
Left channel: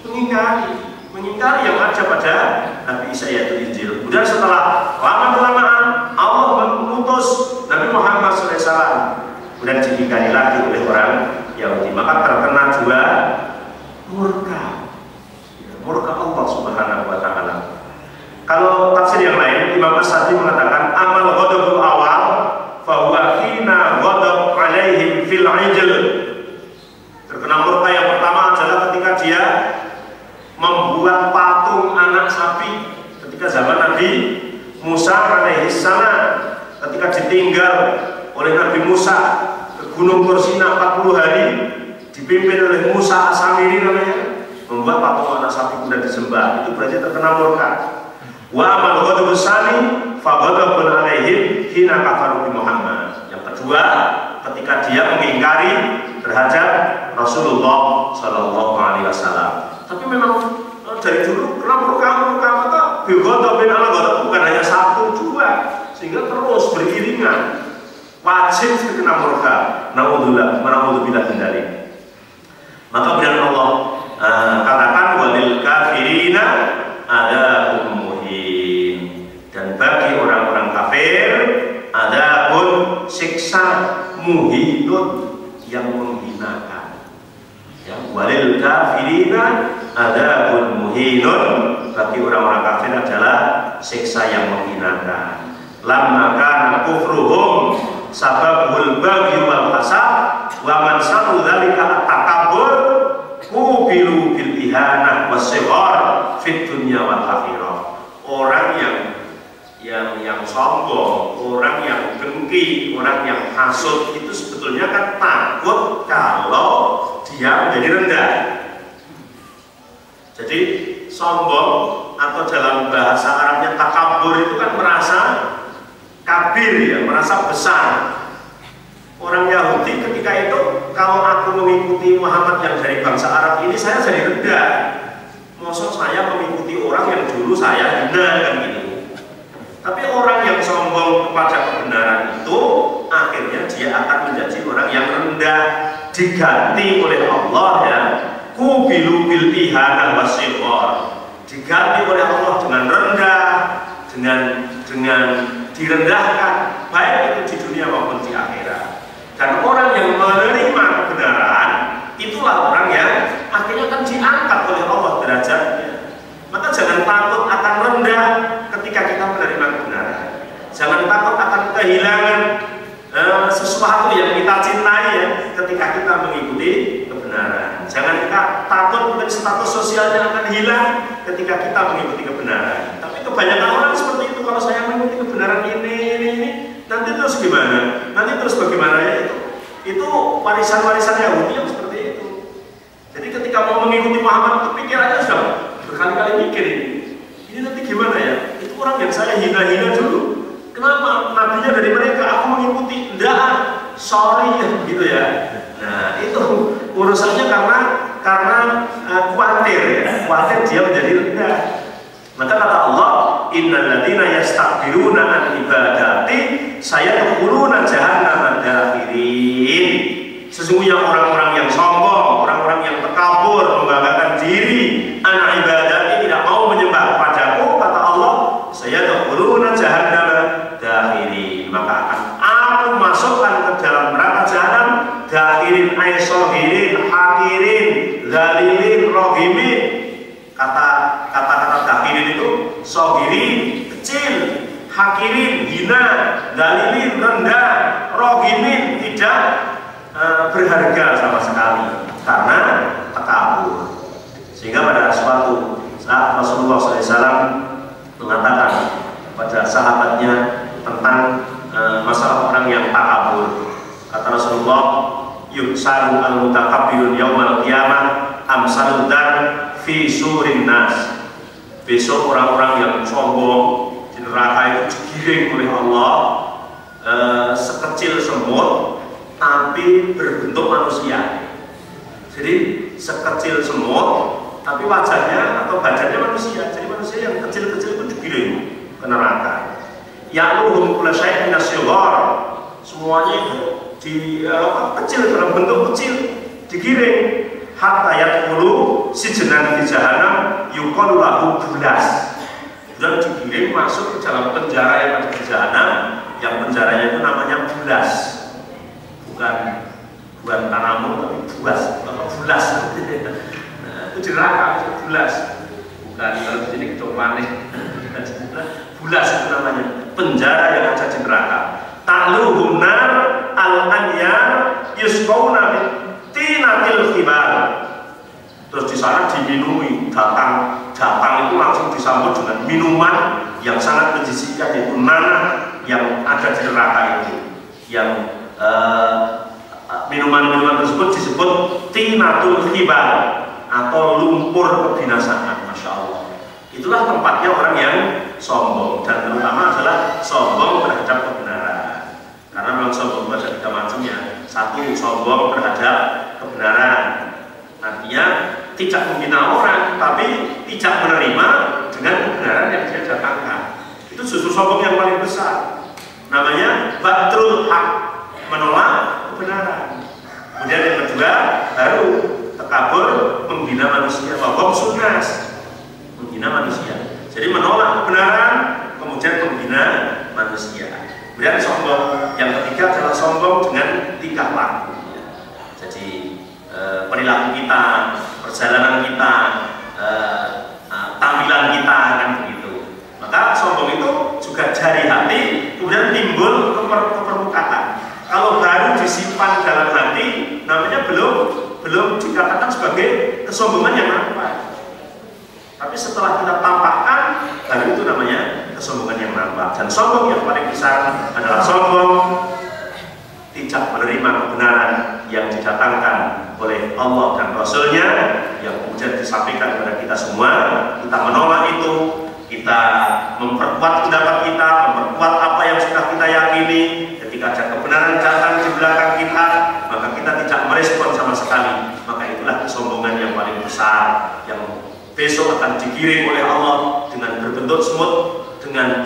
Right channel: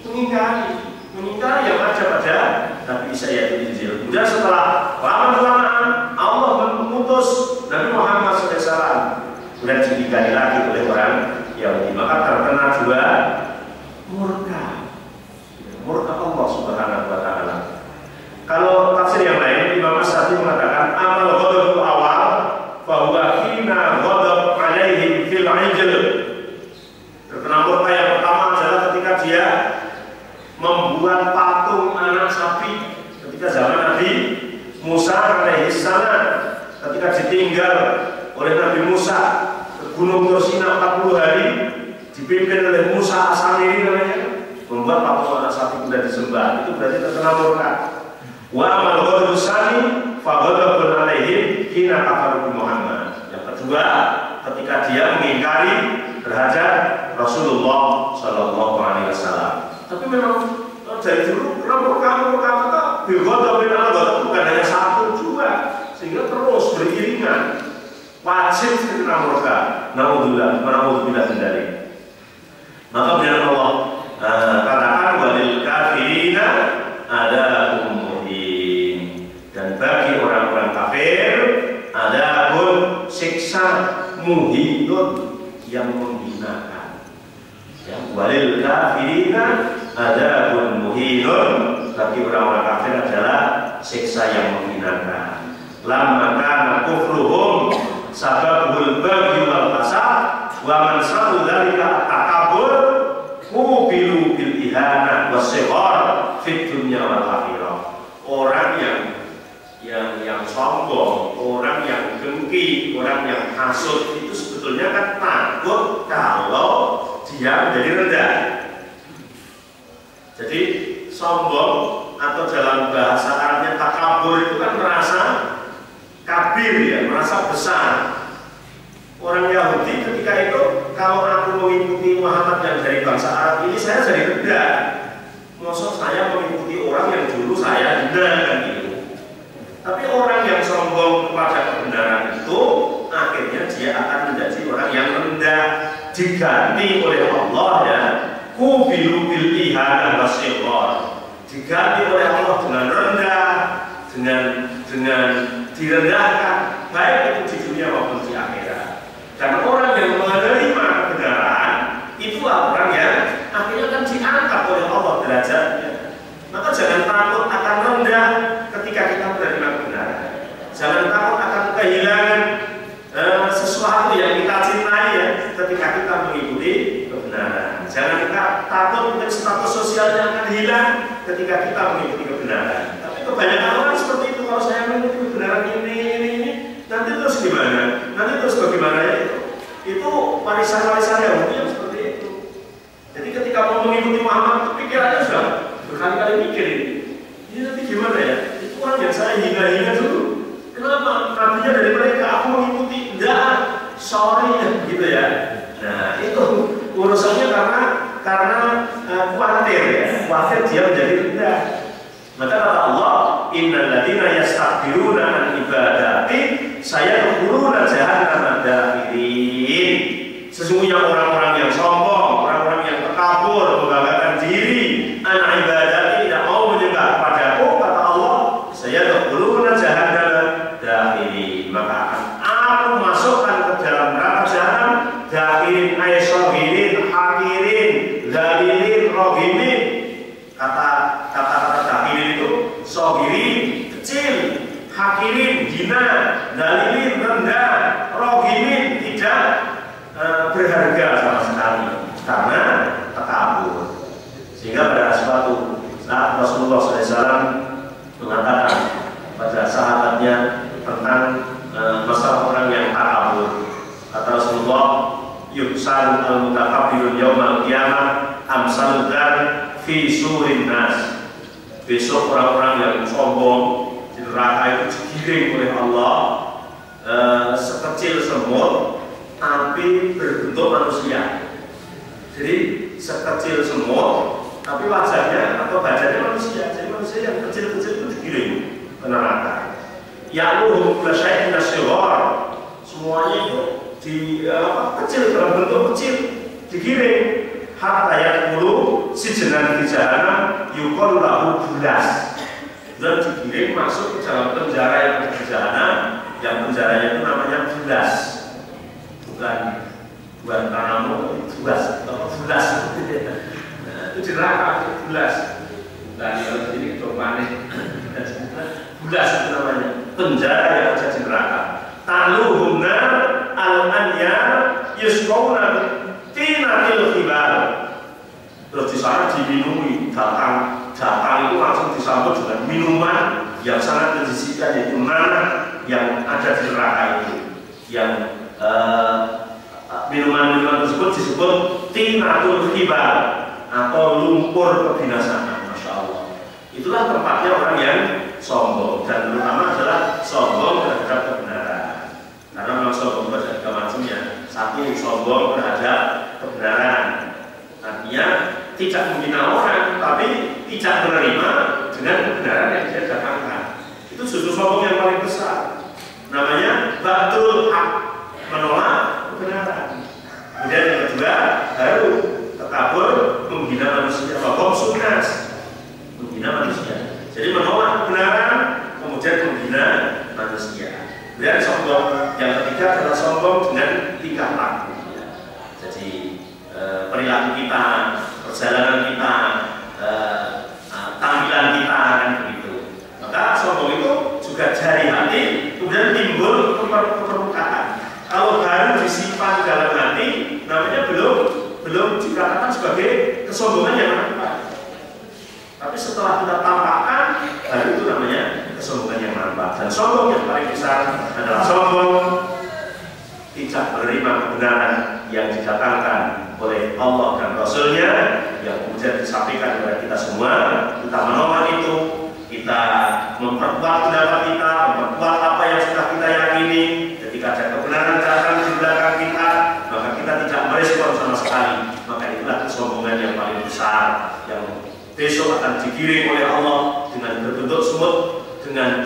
mengingkari yang ada pada Nabi Isa, yaitu Injil. Kemudian setelah lama-kelamaan Allah mengutus Nabi Muhammad SAW, kemudian diingkari lagi oleh orang Yahudi. Maka terkena dua murka Allah Subhanahu wa Ta'ala. Kalau tafsir yang lain, Imam As-Sadi mengatakan amal ghadabul awal fahuwa hina ghadab alaihim fil Injil. Terkena murka yang pertama adalah ketika dia membuat patung anak sapi ketika zaman Nabi Musa alaihissalam, ketika ditinggal oleh Nabi Musa ke Gunung Tursina 40 hari, dipimpin oleh Musa As-Samiri namanya, membuat patung anak sapi kemudian disembah. Itu berarti terkena murka. Wa amal ghadabus sani fa ghadabun alaihim hina kafaru bi Muhammad. Yang kedua, ketika dia mengingkari terhadap Rasulullah sallallahu alaihi wasallam. Tapi memang dari dulu murka ghadabin ala ghadab bukan hanya satu dua, sehingga terus beriringan. Wajib terkena murka. Naudzubillah min dzalik. Maka benar Allah katakan walil kafirina adabun muhin, dan bagi orang-orang kafir adabun siksa muhinun yang menghinakan. Ya, walil kafirina adabun muhinun, bagi orang-orang kafir adalah siksa yang menghinakan. Lamma kana kufruhum sababul baghi wal hasad wa man sa'u dzalika takabbur kubilu bil ihanah was-sighar fid dunya wal akhirah. Orang yang sombong, orang yang dengki, orang yang hasud itu sebetulnya kan takut kalau dia menjadi rendah. Jadi sombong atau dalam bahasa Arabnya takabur itu kan merasa kabir, ya, merasa besar. Orang Yahudi ketika itu, kalau aku mengikuti Muhammad yang dari bangsa Arab ini, saya jadi rendah. Maksud saya mengikuti orang yang dulu saya hina, kan gitu. Tapi orang yang sombong kepada kebenaran itu, akhirnya dia akan menjadi orang yang rendah, diganti oleh Allah, ya. Kubilu bil ihanah wasyidhar, diganti oleh Allah dengan rendah, dengan direndahkan, baik itu di dunia maupun di akhirat. Dan orang yang menerima kebenaran, itulah orang yang akhirnya akan diangkat oleh Allah derajatnya. Maka jangan takut akan rendah ketika kita menerima kebenaran. Jangan takut akan kehilangan sesuatu yang kita cintai, ya, ketika kita mengikuti kebenaran. Jangan kita takut dengan status sosialnya akan hilang ketika kita mengikuti kebenaran. Tapi kebanyakan orang seperti itu, kalau saya mengikuti kebenaran ini, nanti terus gimana? Nanti terus bagaimana ya itu? Itu warisan-warisan Yahudi yang seperti itu. Jadi ketika mau mengikuti Muhammad, pikirannya sudah berkali-kali mikir ini nanti gimana ya? Itu orang yang saya hina-hina dulu. Kenapa? Nabinya dari mereka, aku mengikuti. Enggak, sorry, gitu ya. Nah, itu urusannya karena khawatir, ya. Khawatir dia menjadi rendah. Maka kata Allah, innal ladzina yastakbiruna an ibadati sayadkhuluna jahannama dakhirin. Sesungguhnya orang-orang yang sombong, orang-orang yang takabur, membanggakan hina, dalilin, rendah, rohimin, tidak berharga sama sekali karena takabur. Sehingga pada suatu saat Rasulullah SAW mengatakan kepada sahabatnya tentang masalah orang yang takabur. Kata Rasulullah, yuksaru al-mutakabbirun yaumal qiyamah amsalud dar fi surin nas. Besok orang-orang yang sombong di neraka itu digiring oleh Allah sekecil semut tapi berbentuk manusia. Jadi sekecil semut tapi wajahnya atau badannya manusia. Jadi manusia yang kecil-kecil itu digiring ke neraka. Ya'luhum kulla syai'in minasy-syighar. Semuanya itu kecil, dalam bentuk kecil digiring. Hatta yaqulu sijnan di jahannam yuqalu lahu bulas. Dan digiring masuk ke dalam penjara yang ada di jahannam, yang penjaranya itu namanya bulas. Bukan tanamu tapi bulas, bulas. Itu di neraka, itu bulas. Bukan kalau di sini kita panik. Bulas itu namanya penjara yang ada di neraka. Ta'luhum nar al-anyar yusqawna tinatil khibal. Terus di sana diminumi datang itu langsung disambut dengan minuman yang sangat menjijikan, yaitu nanah yang ada di neraka itu. Yang minuman-minuman tersebut disebut tinatul khibal atau lumpur kebinasaan. Masya Allah. Itulah tempatnya orang yang sombong, dan terutama adalah sombong terhadap kebenaran. Karena memang sombong itu ada tiga macamnya. Satu, sombong terhadap kebenaran, artinya tidak menghina orang tapi tidak menerima dengan kebenaran yang dia datangkan. Itu justru sombong yang paling besar, namanya batrul haq, menolak kebenaran. Kemudian yang kedua baru takabur, menghina manusia, wabom sunas, menghina manusia. Jadi menolak kebenaran kemudian menghina manusia. Kemudian sombong yang ketiga adalah sombong dengan tingkah laku. Jadi perilaku kita, perjalanan kita, tampilan kita, kan begitu. Maka sombong itu juga dari hati kemudian timbul ke permukaan. Kalau baru disimpan dalam hati, namanya belum dikatakan sebagai kesombongan yang nampak. Tapi setelah kita tampakkan, baru itu namanya kesombongan yang nampak. Dan sombong yang paling besar adalah sombong tidak menerima kebenaran yang didatangkan oleh Allah dan Rasul-Nya, yang kemudian disampaikan kepada kita semua. Kita menolak itu, kita memperkuat pendapat kita, memperkuat apa yang sudah kita yakini. Ketika ada kebenaran datang di belakang kita, maka kita tidak merespon sama sekali. Maka itulah kesombongan yang paling besar, yang besok akan digiring oleh Allah dengan berbentuk semut, dengan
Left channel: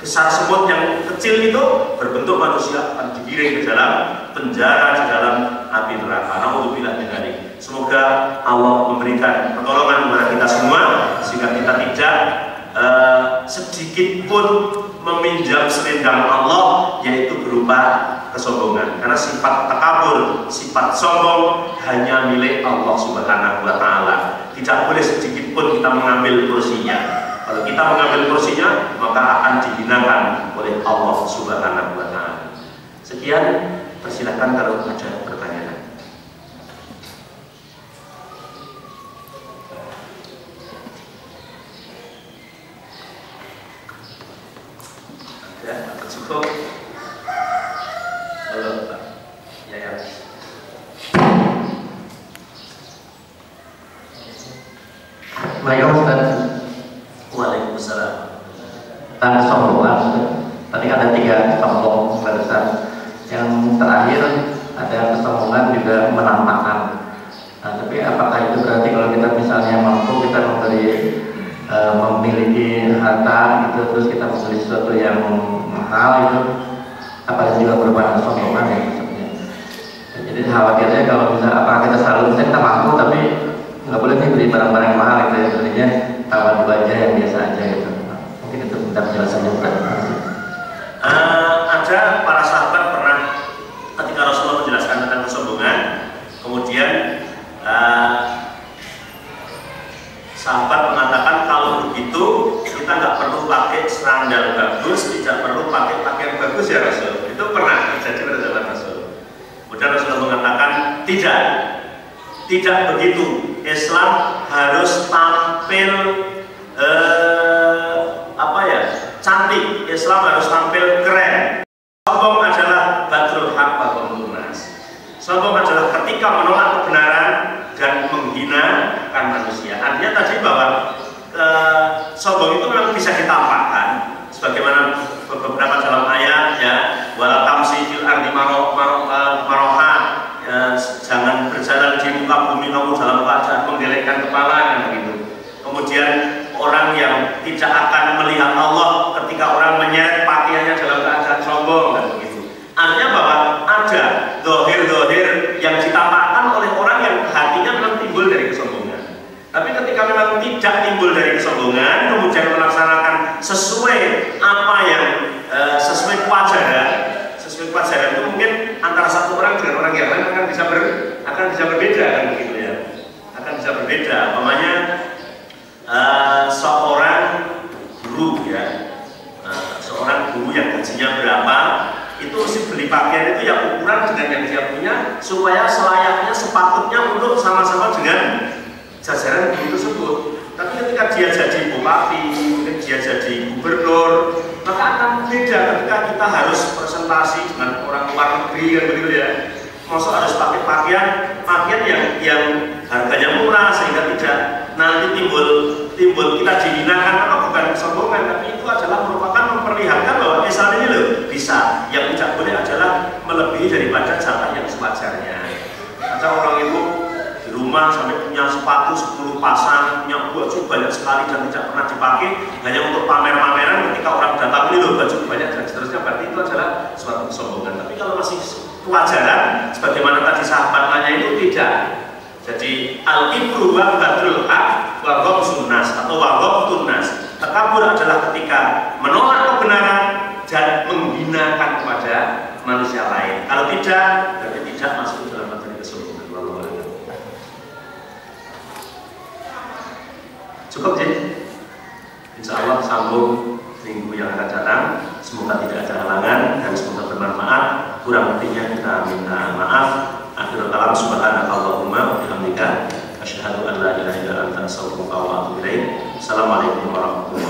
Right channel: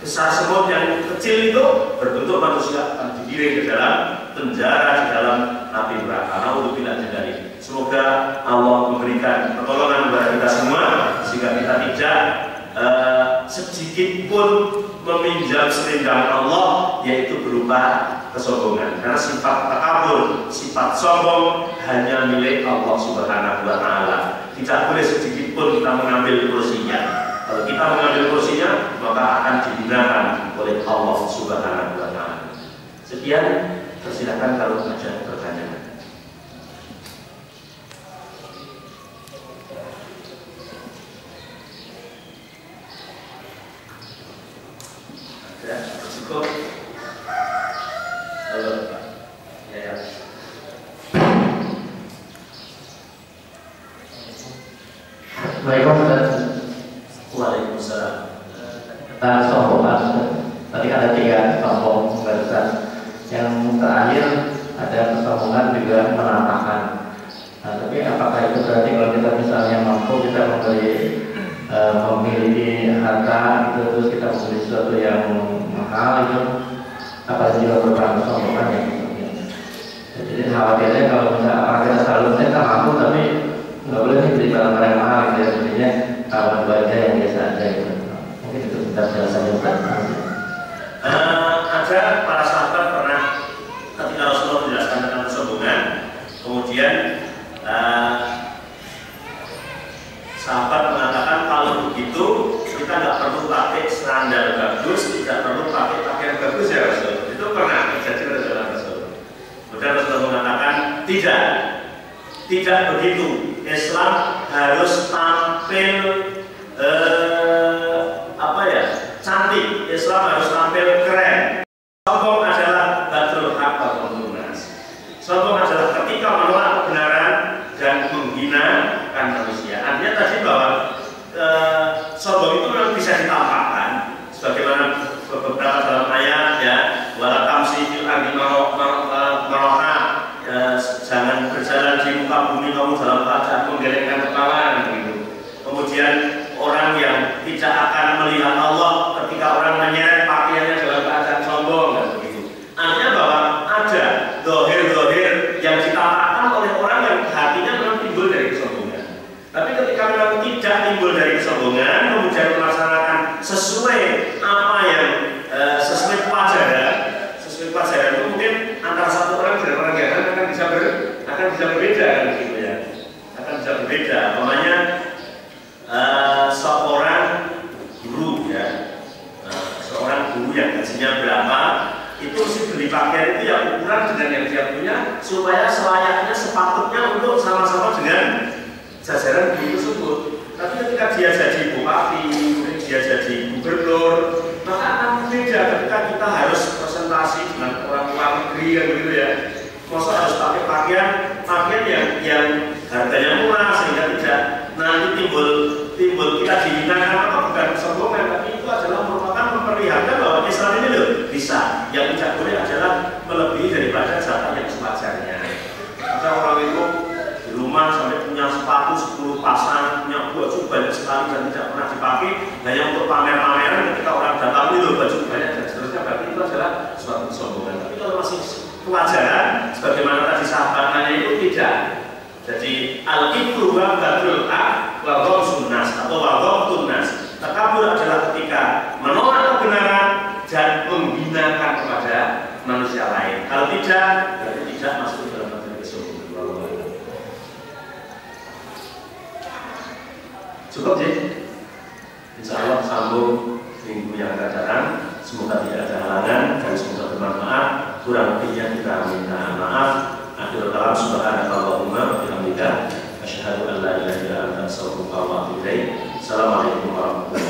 besar semut yang kecil itu berbentuk manusia, akan digiring ke dalam penjara, di dalam api neraka. Nauzubillah min dzalik. Semoga Allah memberikan pertolongan kepada kita semua sehingga kita tidak sedikit pun meminjam selendang Allah, yaitu berupa kesombongan. Karena sifat takabur, sifat sombong hanya milik Allah Subhanahu wa Ta'ala. Tidak boleh sedikit pun kita mengambil kursinya. Kalau kita mengambil kursinya, maka akan dihinakan oleh Allah Subhanahu wa Ta'ala. Sekian, persilakan kalau ada pertanyaan. Ada, cukup. Halo, Pak. Ya. Waalaikumsalam. Tentang sombongan, tadi ada 3 sombong barusan. Yang terakhir ada kesombongan juga menampakkan. Nah, tapi apakah itu berarti kalau kita misalnya mampu kita memiliki harta itu, terus kita membeli sesuatu yang mahal itu, apakah juga merupakan kesombongan ya? Jadi khawatirnya kalau misalnya apakah kita selalu kita mampu tapi nggak boleh nih beli barang-barang mahal gitu ya, belinya taruh aja yang biasa aja gitu. Mungkin itu bentar jelasannya bukan. Ada para sahabat pernah ketika Rasulullah menjelaskan tentang kesombongan, kemudian sahabat mengatakan kalau begitu kita nggak perlu pakai sandal bagus, tidak perlu pakai Tidak begitu. Islam harus tampil cantik. Islam harus tampil keren. Sombong adalah batrul haq wa ghamdun nas. Sombong adalah ketika menolak kebenaran dan menghinakan manusia. Artinya tadi bahwa sombong itu memang bisa ditampakkan sebagaimana beberapa dalam ayat ya, wala tamsi fil ardi maroha, jangan berjalan di muka bumi kamu dalam keadaan menggelengkan kepala dan begitu. Kemudian orang yang tidak akan melihat Allah ketika orang menyeret pakaiannya dalam keadaan sombong dan begitu. Artinya bahwa ada dohir-dohir yang ditampakkan oleh orang yang hatinya memang timbul dari kesombongan. Tapi ketika memang tidak timbul dari kesombongan, kemudian melaksanakan sesuai apa yang sesuai kewajaran itu mungkin antara satu orang dengan orang yang lain akan bisa berbeda kan begitu ya, akan bisa berbeda. Umpamanya seorang guru ya, seorang guru yang gajinya berapa itu mesti beli pakaian itu yang ukuran dengan yang dia punya supaya selayaknya sepatutnya untuk sama-sama dengan jajaran guru tersebut. Tapi ketika dia jadi bupati, mungkin dia jadi gubernur, maka akan beda ketika kita harus presentasi dengan orang luar negeri kan begitu ya. Maksud harus pakai pakaian yang harganya murah sehingga tidak nanti timbul kita dihinakan karena bukan kesombongan, tapi itu adalah merupakan memperlihatkan bahwa Islam ini loh bisa. Yang tidak boleh adalah melebihi daripada jatah yang sewajarnya. Ada orang itu di rumah sampai punya sepatu 10 pasang, punya baju banyak sekali dan tidak pernah dipakai hanya untuk pamer-pameran. Ketika orang datang itu baju banyak dan seterusnya, berarti itu adalah suatu kesombongan. Tapi kalau masih kewajaran, sebagaimana tadi sahabat nanya itu tidak. Jadi al-ibru wa batrul haq wa ghamdun nas atau wa ghamdun nas. Takabur adalah ketika menolak kebenaran dan menghinakan kepada manusia lain. Kalau tidak, berarti tidak masuk dalam kategori kesombongan. Cukup ya? Insya Allah sambung minggu yang akan datang. Semoga tidak ada halangan dan semoga bermanfaat. Kurang lebihnya kita minta maaf. Akhirul kalam subhanakallahumma wa bihamdika asyhadu an la ilaha illa anta astaghfiruka wa atubu ilaik. Assalamualaikum warahmatullahi wabarakatuh.